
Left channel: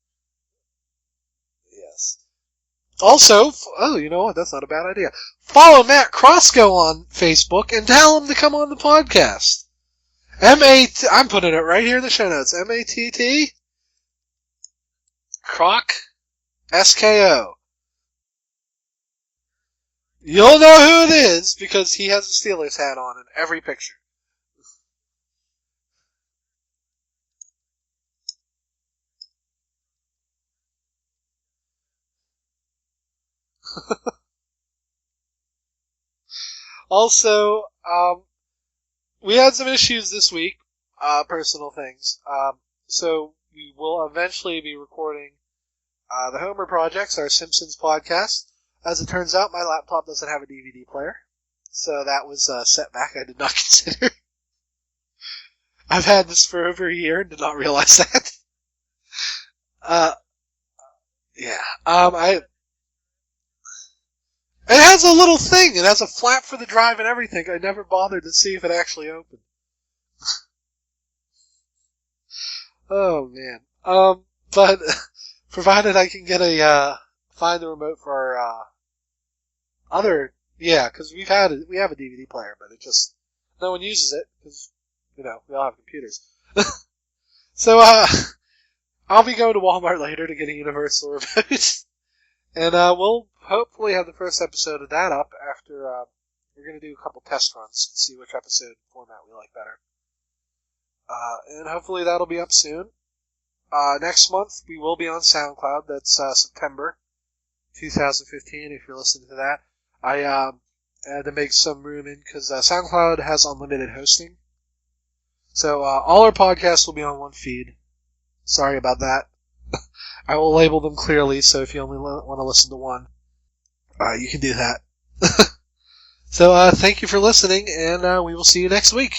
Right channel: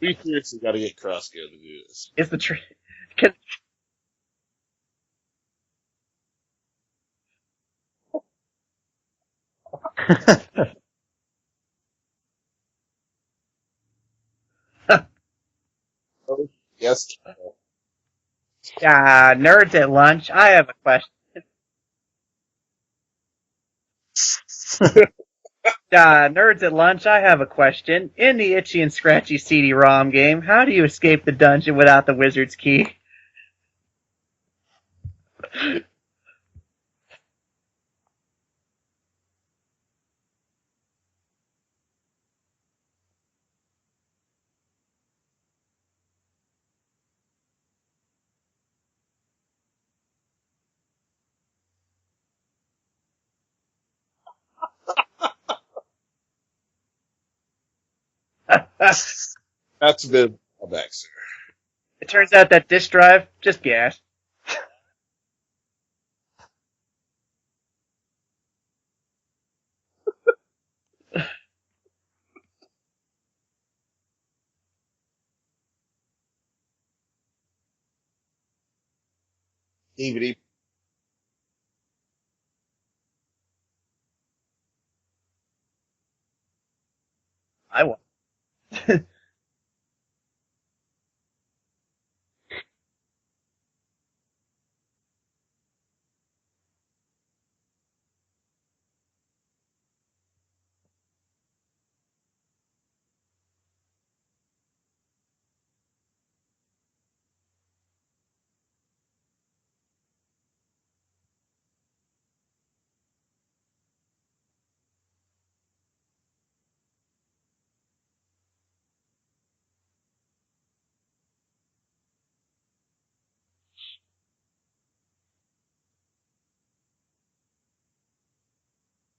We seriously got to get Crossgo to do this. It's the truth. Also, you know what? That's not a bad idea. Follow Matt Crossgo on Facebook and tell him to come on the podcast. I'm putting it right here in the show notes. MATT Croc SKO. Nerds at Lunch. You'll know who it is because he has a Steelers hat on in every picture. Nerds at Lunch, I have a question. In the Itchy and Scratchy CD-ROM game, how do you escape the dungeon without the wizard's key? Also, we had some issues this week, personal things. So we will eventually be recording the Homer Projects, our Simpsons podcast. As it turns out, my laptop doesn't have a DVD player, so that was a setback I did not consider. I've had this for over a year and did not realize that. That's a good callback, sir. Yeah. It turns out that disk drive, just gas. It has a little thing. It has a flap for the drive and everything. I never bothered to see if it actually opened. Oh, man. But provided I can get find the remote for our other... DVD. Yeah, because we have a DVD player, but it just... No one uses it, because, we all have computers. So, I'll be going to Walmart later to get a Universal remote. And we'll hopefully have the first episode of that up after we're going to do a couple test runs and see which episode format we like better. And hopefully that'll be up soon. Next month we will be on SoundCloud. That's September 2015 if you're listening to that. I had to make some room in because SoundCloud has unlimited hosting. So all our podcasts will be on one feed. Sorry about that. I will label them clearly, so if you only want to listen to one, you can do that. So thank you for listening, and we will see you next week.